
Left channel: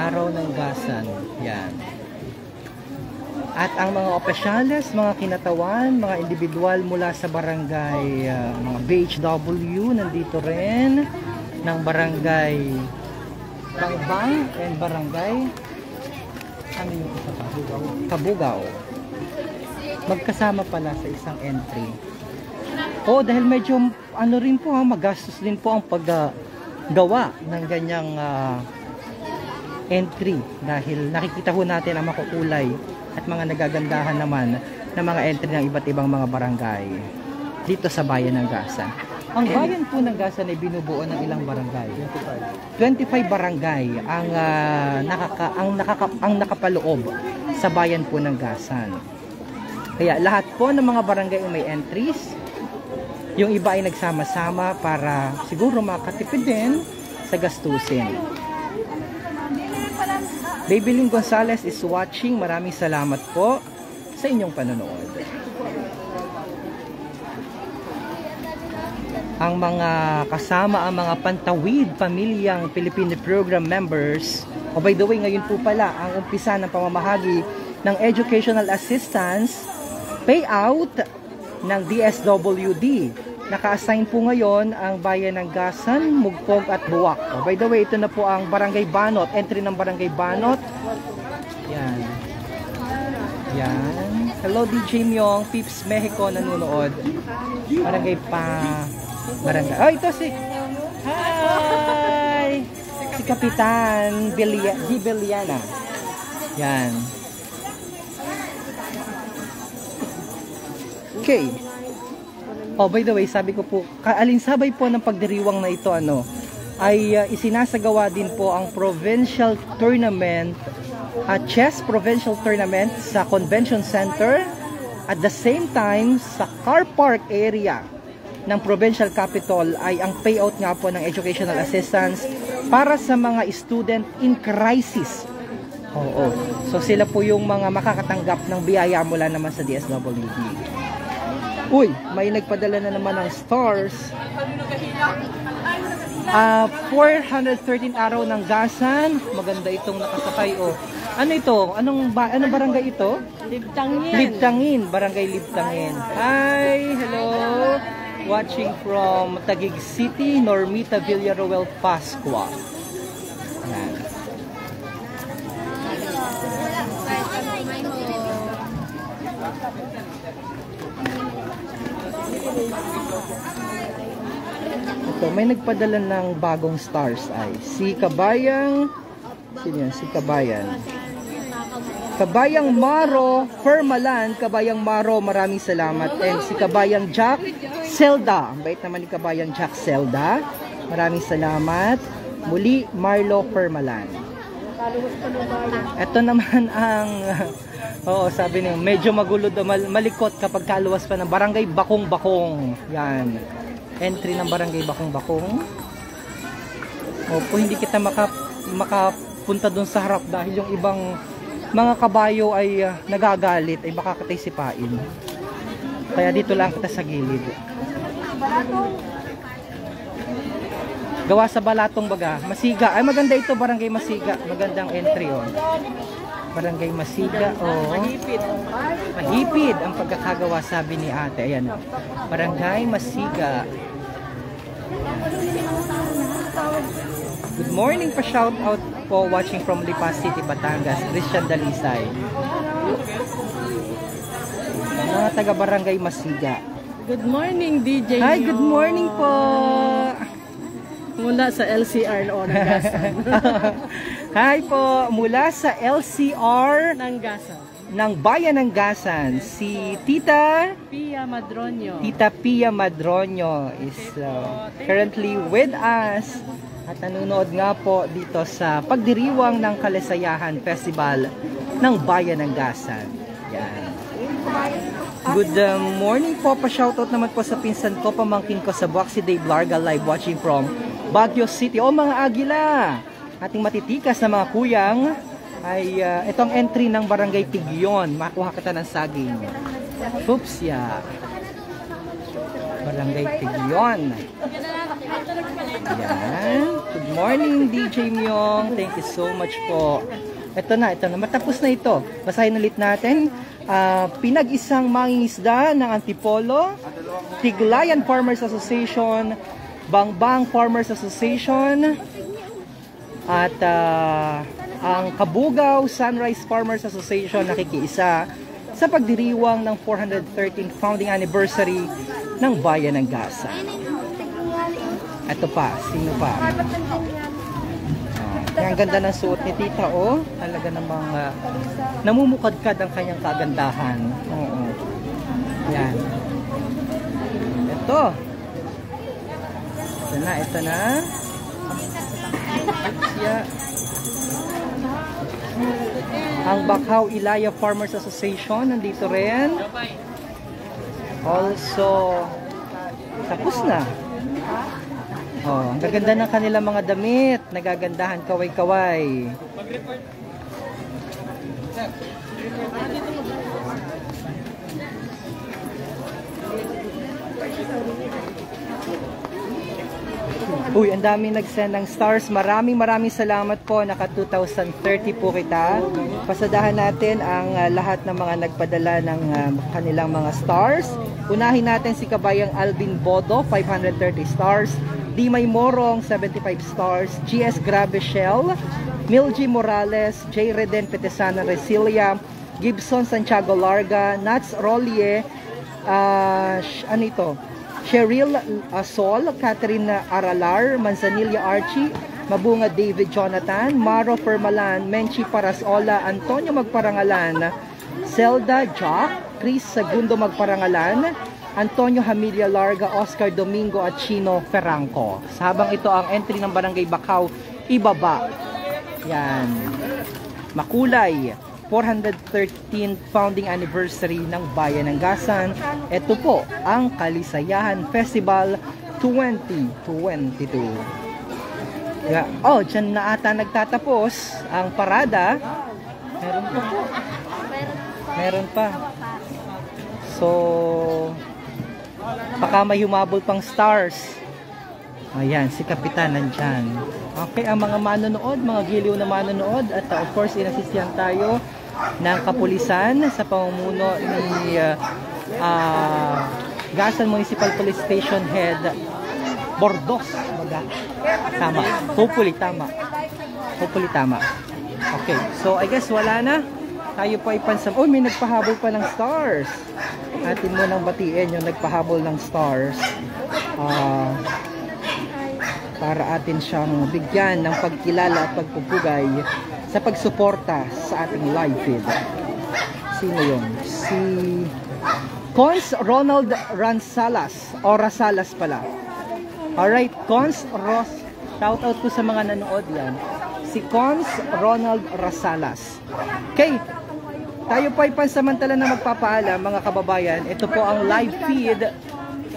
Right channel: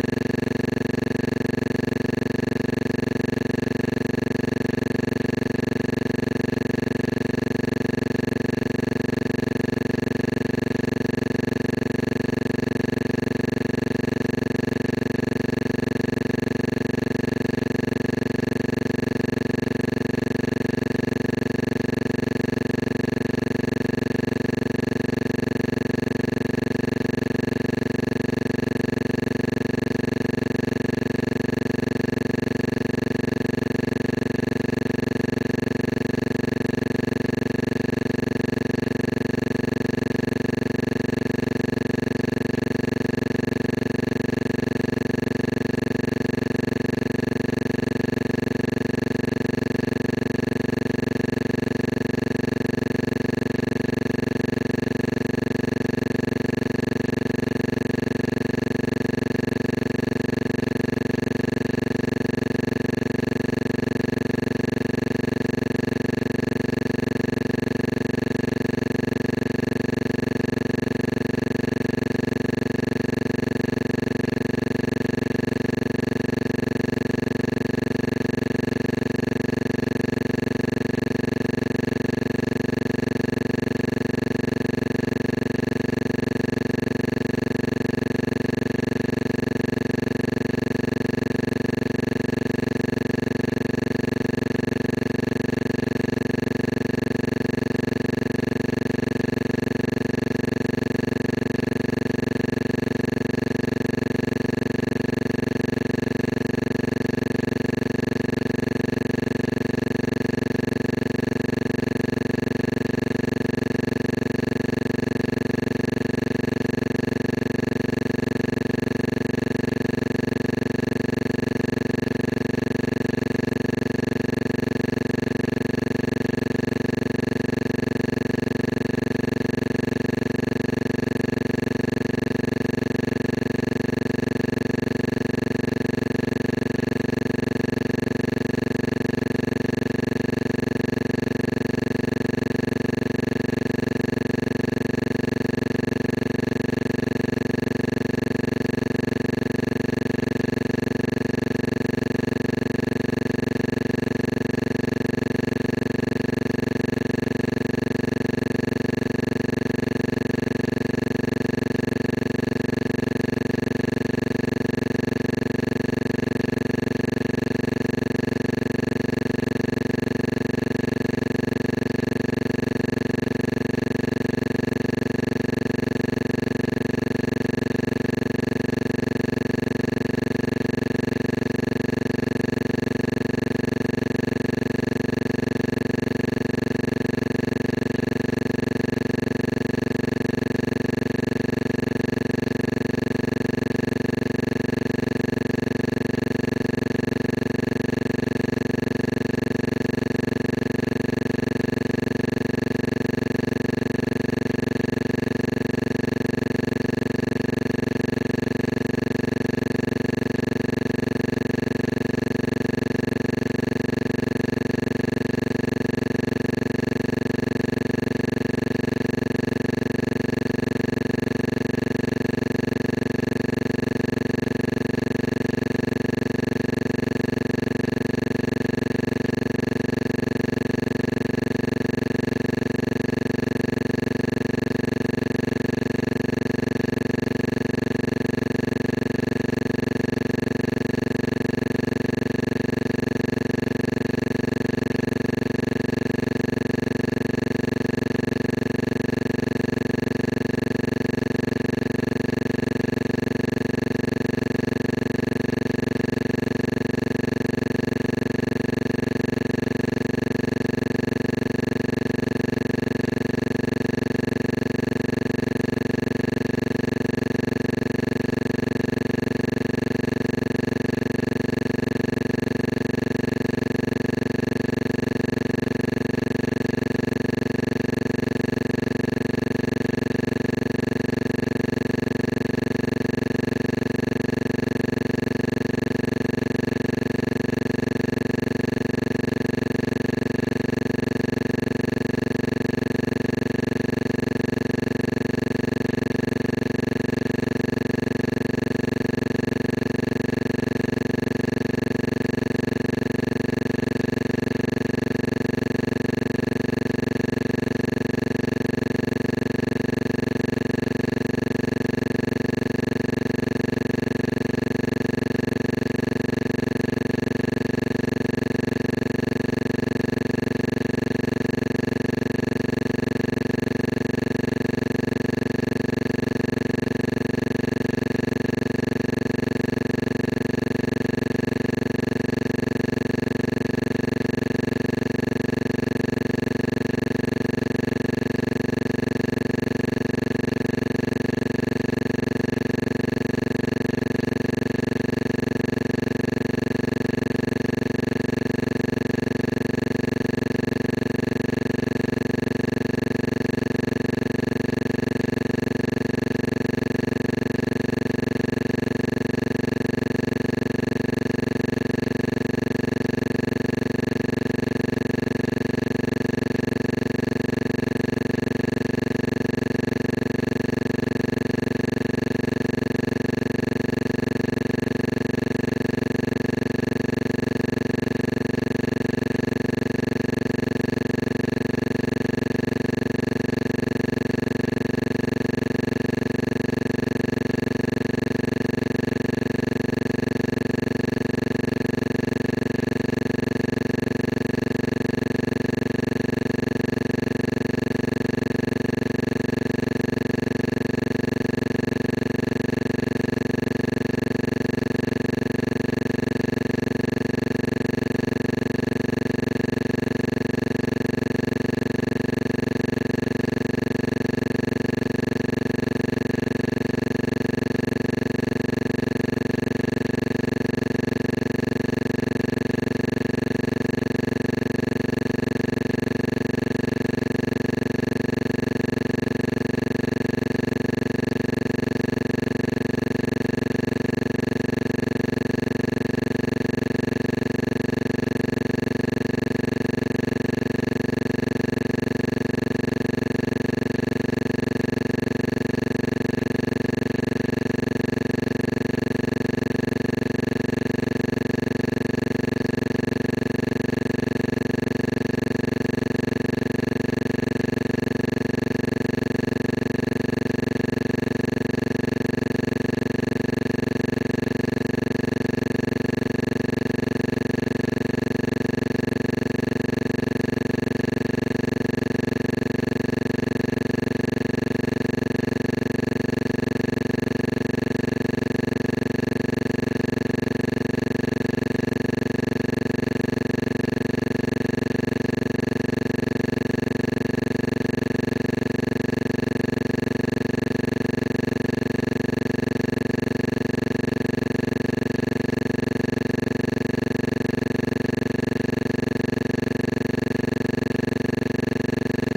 Araw ng Gasan. Yan. At ang mga opisyales, mga kinatawan, mga individual mula sa barangay, mga BHW, nandito rin, ng barangay Bangbang and barangay Kabugaw. Magkasama pala sa isang entry. Dahil medyo rin po magastos din po ang paggawa ng ganyang entry, dahil nakikita ho natin ang makukulay at mga nagagandahan naman ng mga entry ng iba't ibang mga barangay dito sa bayan ng Gasan. Ang bayan po ng Gasan ay binubuo ng ilang barangay. 25 barangay ang nakapaloob sa bayan po ng Gasan. Kaya lahat po ng mga barangay may entries. Yung iba ay nagsama-sama para siguro makatipid din sa gastusin. Babylin Gonzales is watching. Maraming salamat po sa inyong panonood. Ang mga kasama, ang mga Pantawid Pamilyang Filipino Program members. By the way, ngayon po pala ang umpisa ng pamamahagi ng Educational Assistance payout ng DSWD. Naka-assign po ngayon ang bayan ng Gasan, Mugpog at Buwak. By the way, ito na po ang Barangay Banot, entry ng Barangay Banot. Yan. Hello DJ Myong, Pips Mexico nanonood. Barangay Barangay. Ito si Hi! Kapitan Viliana. Yan. Okay. By the way, sabi ko po, kaalinsabay po ng pagdiriwang na ito, ay isinasagawa din po ang provincial tournament, chess provincial tournament sa Convention Center. At the same time, sa car park area ng provincial capital ay ang payout nga po ng educational assistance para sa mga student in crisis. So sila po yung mga makakatanggap ng biyaya mula naman sa DSWD. Uy, may nagpadala na naman ng stars. 413 araw ng Gasan. Maganda itong nakasakay. Ano ito? Anong barangay ito? Libdangin. Barangay Libdangin. Hi, hello. Watching from Taguig City, Normita Villaruel, Pascua. May nagpadala ng bagong stars ay si Kabayang Maro Permalan. Kabayang Maro, maraming salamat. And si Kabayang Jack Zelda, bait naman ni Kabayang Jack Zelda, maraming salamat. Muli Marlo Permalan. Ito naman ang sabi niya, medyo magulo do, malikot kapag kaluwas pa ng Barangay Bakong-Bakong. Yan, entry ng Barangay Bakong-Bakong. Kung hindi kita makapunta dun sa harap dahil yung ibang mga kabayo ay nagagalit, baka katay sipain. Kaya dito lang kita sa gilid. Gawa sa Balatong baga. Masiga. Ay maganda ito, Barangay Masiga. Magandang entry. Barangay Masiga. Mahipid ang pagkakagawa, sabi ni ate. Ayan. Barangay Masiga. Good morning pa, shout out po watching from Lipa City, Batangas. Christian Dalisay. Mga taga Barangay Masiga. Good morning, DJ. Hi, good morning po. Mula sa LCR Hi po, mula sa LCR ng Gasan. ng Bayan ng Gasan. Si Tita Tita Pia Madronio is currently with us at nanonood nga po dito sa pagdiriwang ng Kalisayahan Festival ng Bayan ng Gasan. Yan. Good morning po, pa-shoutout naman po sa pinsan ko, pamangkin ko sa Boxy Dave Larga, live watching from Baguio City. O mga agila, ating matitikas na mga kuyang ay itong entry ng Barangay Tigyon. Makuha kita ng saging. Oops, yeah. Barangay Tigyon. Good morning, DJ Myong. Thank you so much po. Ito na. Matapos na ito. Basahin ulit natin. Pinag-isang mangingisda ng Antipolo, Tiglayan Farmers Association, Bangbang Farmers Association, at ang Kabugaw Sunrise Farmers Association nakikiisa sa pagdiriwang ng 413th founding anniversary ng Bayan ng Gasan. Ito pa, sino pa? Ang ganda ng suot ni Tita, oh. Talaga namang namumukadkad ang kanyang kagandahan. Oo. Yan. Ito. Ito na. Yeah. Ang Bakaw Ilaya Farmers Association nandito rin. Also, tapos na. Oh, ang gaganda ng kanilang mga damit. Nagagandahan kaway-kaway. Uy, ang daming nag-send ng stars. Maraming salamat po. Naka 2030 po kita. Pasadahan natin ang lahat ng mga nagpadala ng kanilang mga stars. Unahin natin si Kabayang Alvin Bodo, 530 stars. Dimay Morong, 75 stars. GS Gravishel, Milgie Morales, J. Reden Petesana Resilia, Gibson Santiago Larga, Nats Rolie, Cheryl Sol, Catherine Aralar, Manzanilla Archie, Mabunga David Jonathan, Maro Permalan, Menchi Parasola, Antonio Magparangalan, Zelda Jock, Chris Segundo Magparangalan, Antonio Hamilia Larga, Oscar Domingo at Chino Ferranco. Habang ito ang entry ng Barangay Bakaw, ibaba. Yan. Makulay, 413th founding anniversary ng Bayan ng Gasan. Ito po ang Kalisayahan Festival 2022. Yeah. Oh, dyan na ata nagtatapos ang parada. Meron pa. So, baka may humabol pang stars. Ayan, si Kapitan nandyan. Okay, ang mga manonood, mga giliw na manonood, at of course, inasisyan tayo ng kapulisan sa pamumuno ni Gasan Municipal Police Station Head Bordos. Tama. Hopefully tama. Okay, so I guess wala na. Tayo pa ipansab. Oh, may nagpahabol pa ng stars. Atin mo nang batiin yung nagpahabol ng stars. Para atin siyang bigyan ng pagkilala at pagpupugay sa pagsuporta sa ating live feed. Sino yun? Si Cons Ronald Ransalas o Rasalas pala. Alright, Cons Ros, shoutout ko sa mga nanood yan. Si Cons Ronald Rasalas. Okay, tayo po ay pansamantala na magpapaalam mga kababayan. Ito po ang live feed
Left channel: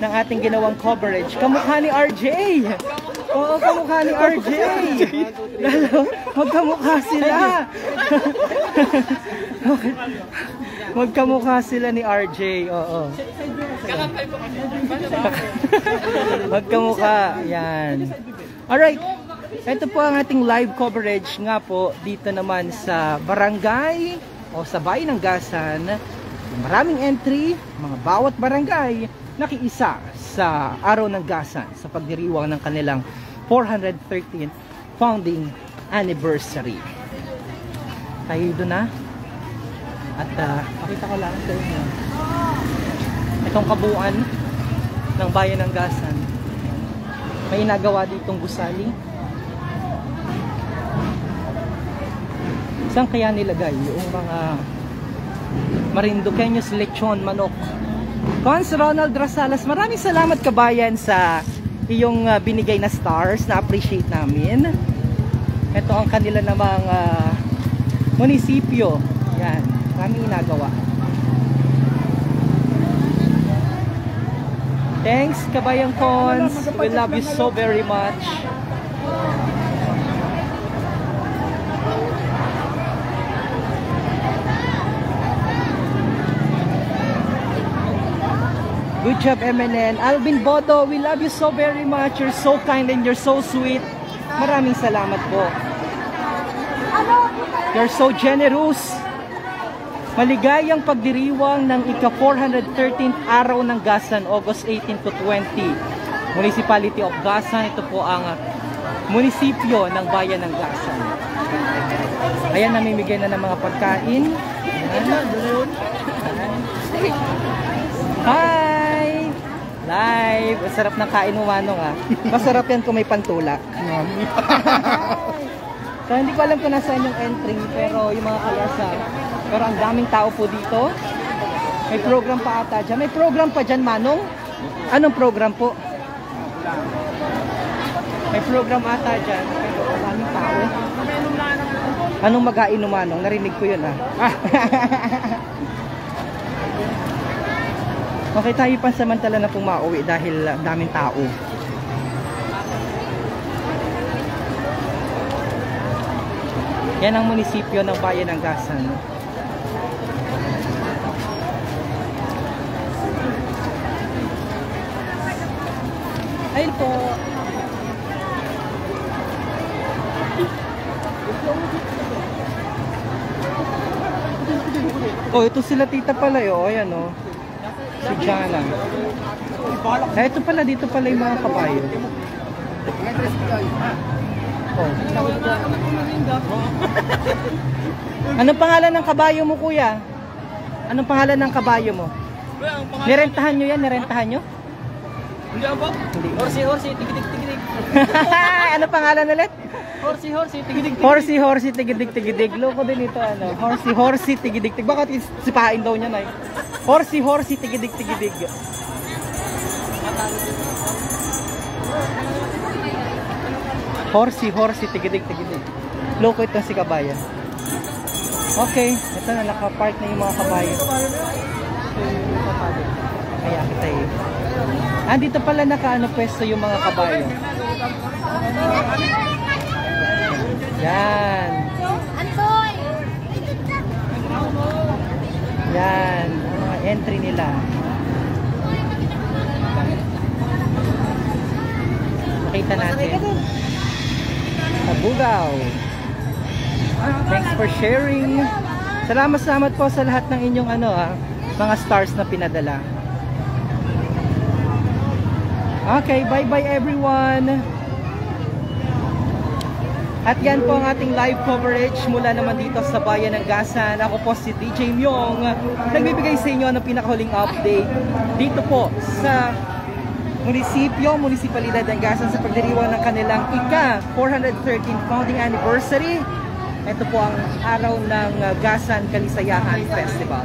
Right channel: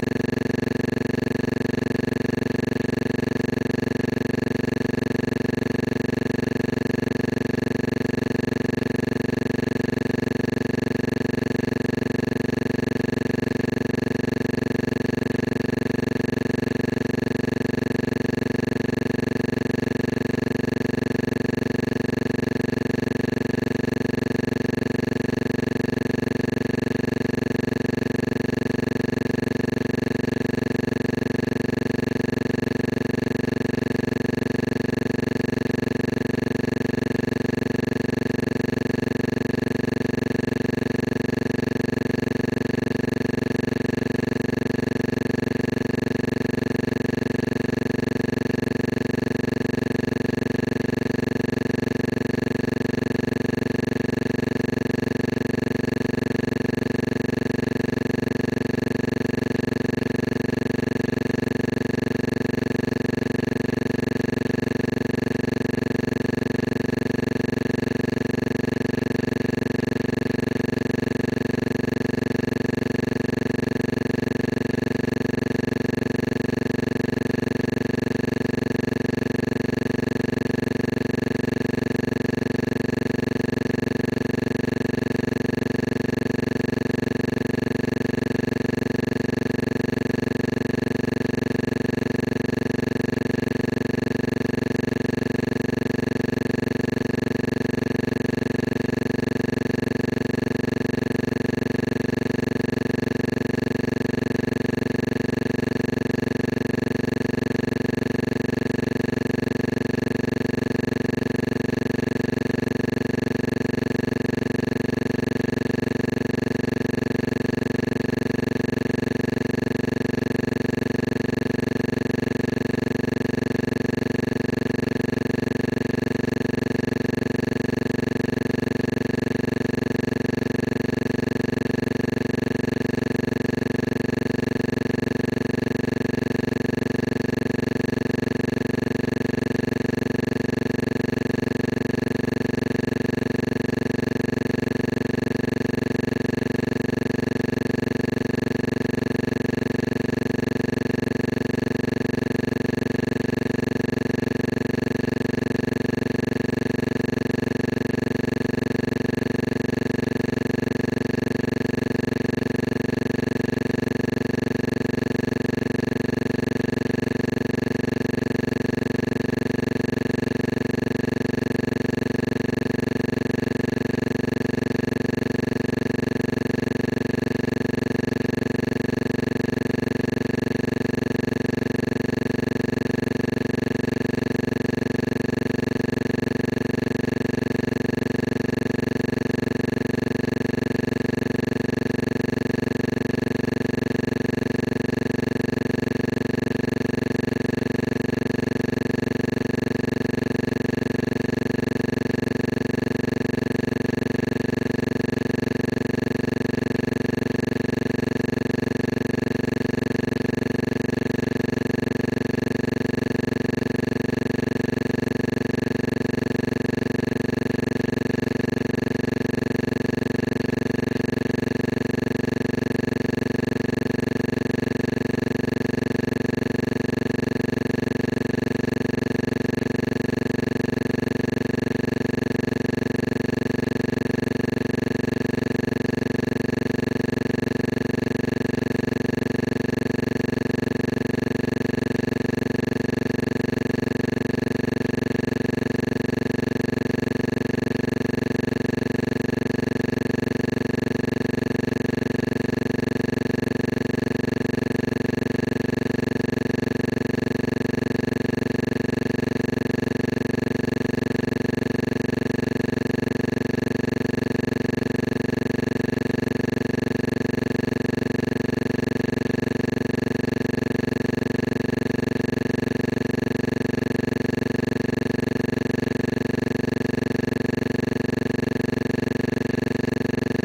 ng ating ginawang coverage. Kamukha ni RJ! Oo, kamukha ni RJ! Magkamukha sila! Magkamukha sila ni RJ, oo. Magkamukha, yan. Alright, ito po ang ating live coverage nga po dito naman sa barangay o sa Bayan ng Gasan. Maraming entry, bawat barangay nakiisa sa Araw ng Gasan sa pagdiriwang ng kanilang 413th founding anniversary. Tayo doon na. At pakita ko lang sa inyo itong kabuuan ng Bayan ng Gasan. May nagawa ditong gusali. Saan kaya nilagay yung mga Marinduqueños lechon manok Vance Ronald Rosales, maraming salamat kabayan sa iyong binigay na stars. Na-appreciate namin. Ito ang kanila namang munisipyo. Yan, maraming ginagawa. Thanks kabayang Cons. We love you so very much. Good job, MNN. Alvin Bodo, we love you so very much. You're so kind and you're so sweet. Maraming salamat po. You're so generous. Maligayang pagdiriwang ng ika-413th araw ng Gasan, August 18 to 20. Municipality of Gasan. Ito po ang munisipyo ng bayan ng Gasan. Ayan, namimigay na ng mga pagkain. Hi! Live! Masarap na kain mo, Manong, ah. Masarap yan kung may pantulak. So, hindi ko alam kung nasaan yung entrance, pero yung mga kalasa. Pero ang daming tao po dito. May program pa ata dyan. May program pa dyan, Manong? Anong program po? May program ata dyan. Pero ang daming tao. Anong mag-ainom, Manong? Narinig ko yun, ah. Okay, tayo pansamantala na pong mauwi dahil daming tao. Yan ang munisipyo ng bayan ng Gasan. Ayun po. Oh, ito sila tita pala eh. Oh, ayan oh. Jana. Ito pala, dito pala yung mga kabayo. Oh. Anong pangalan ng kabayo mo, kuya? Anong pangalan ng kabayo mo? Nirentahan nyo yan? Nirentahan nyo? Horsi, tigidig. Anong pangalan ulit? Horsi, tigidig. Loko din ito, ano? Horsi, tigidig. Bakit sipahin daw niya na eh? Horsi, tigidig. Horsi, tigidig. Loko ito si kabayan. Okay, ito na nakapark na yung mga kabayan. Kaya tayo. Dito pala pwesto yung mga kabayan. Yan. Yan, ang mga entry nila. Kita natin. Tabugaw. Thanks for sharing. Salamat po sa lahat ng inyong mga stars na pinadala. Okay, bye everyone. At yan po ang ating live coverage mula naman dito sa bayan ng Gasan. Ako po si DJ Myong, nagbibigay sa inyo ng pinakahuling update dito po sa munisipalidad ng Gasan sa pagdiriwang ng kanilang ika-413 founding anniversary. Ito po ang araw ng Gasan Kalisayahan Festival.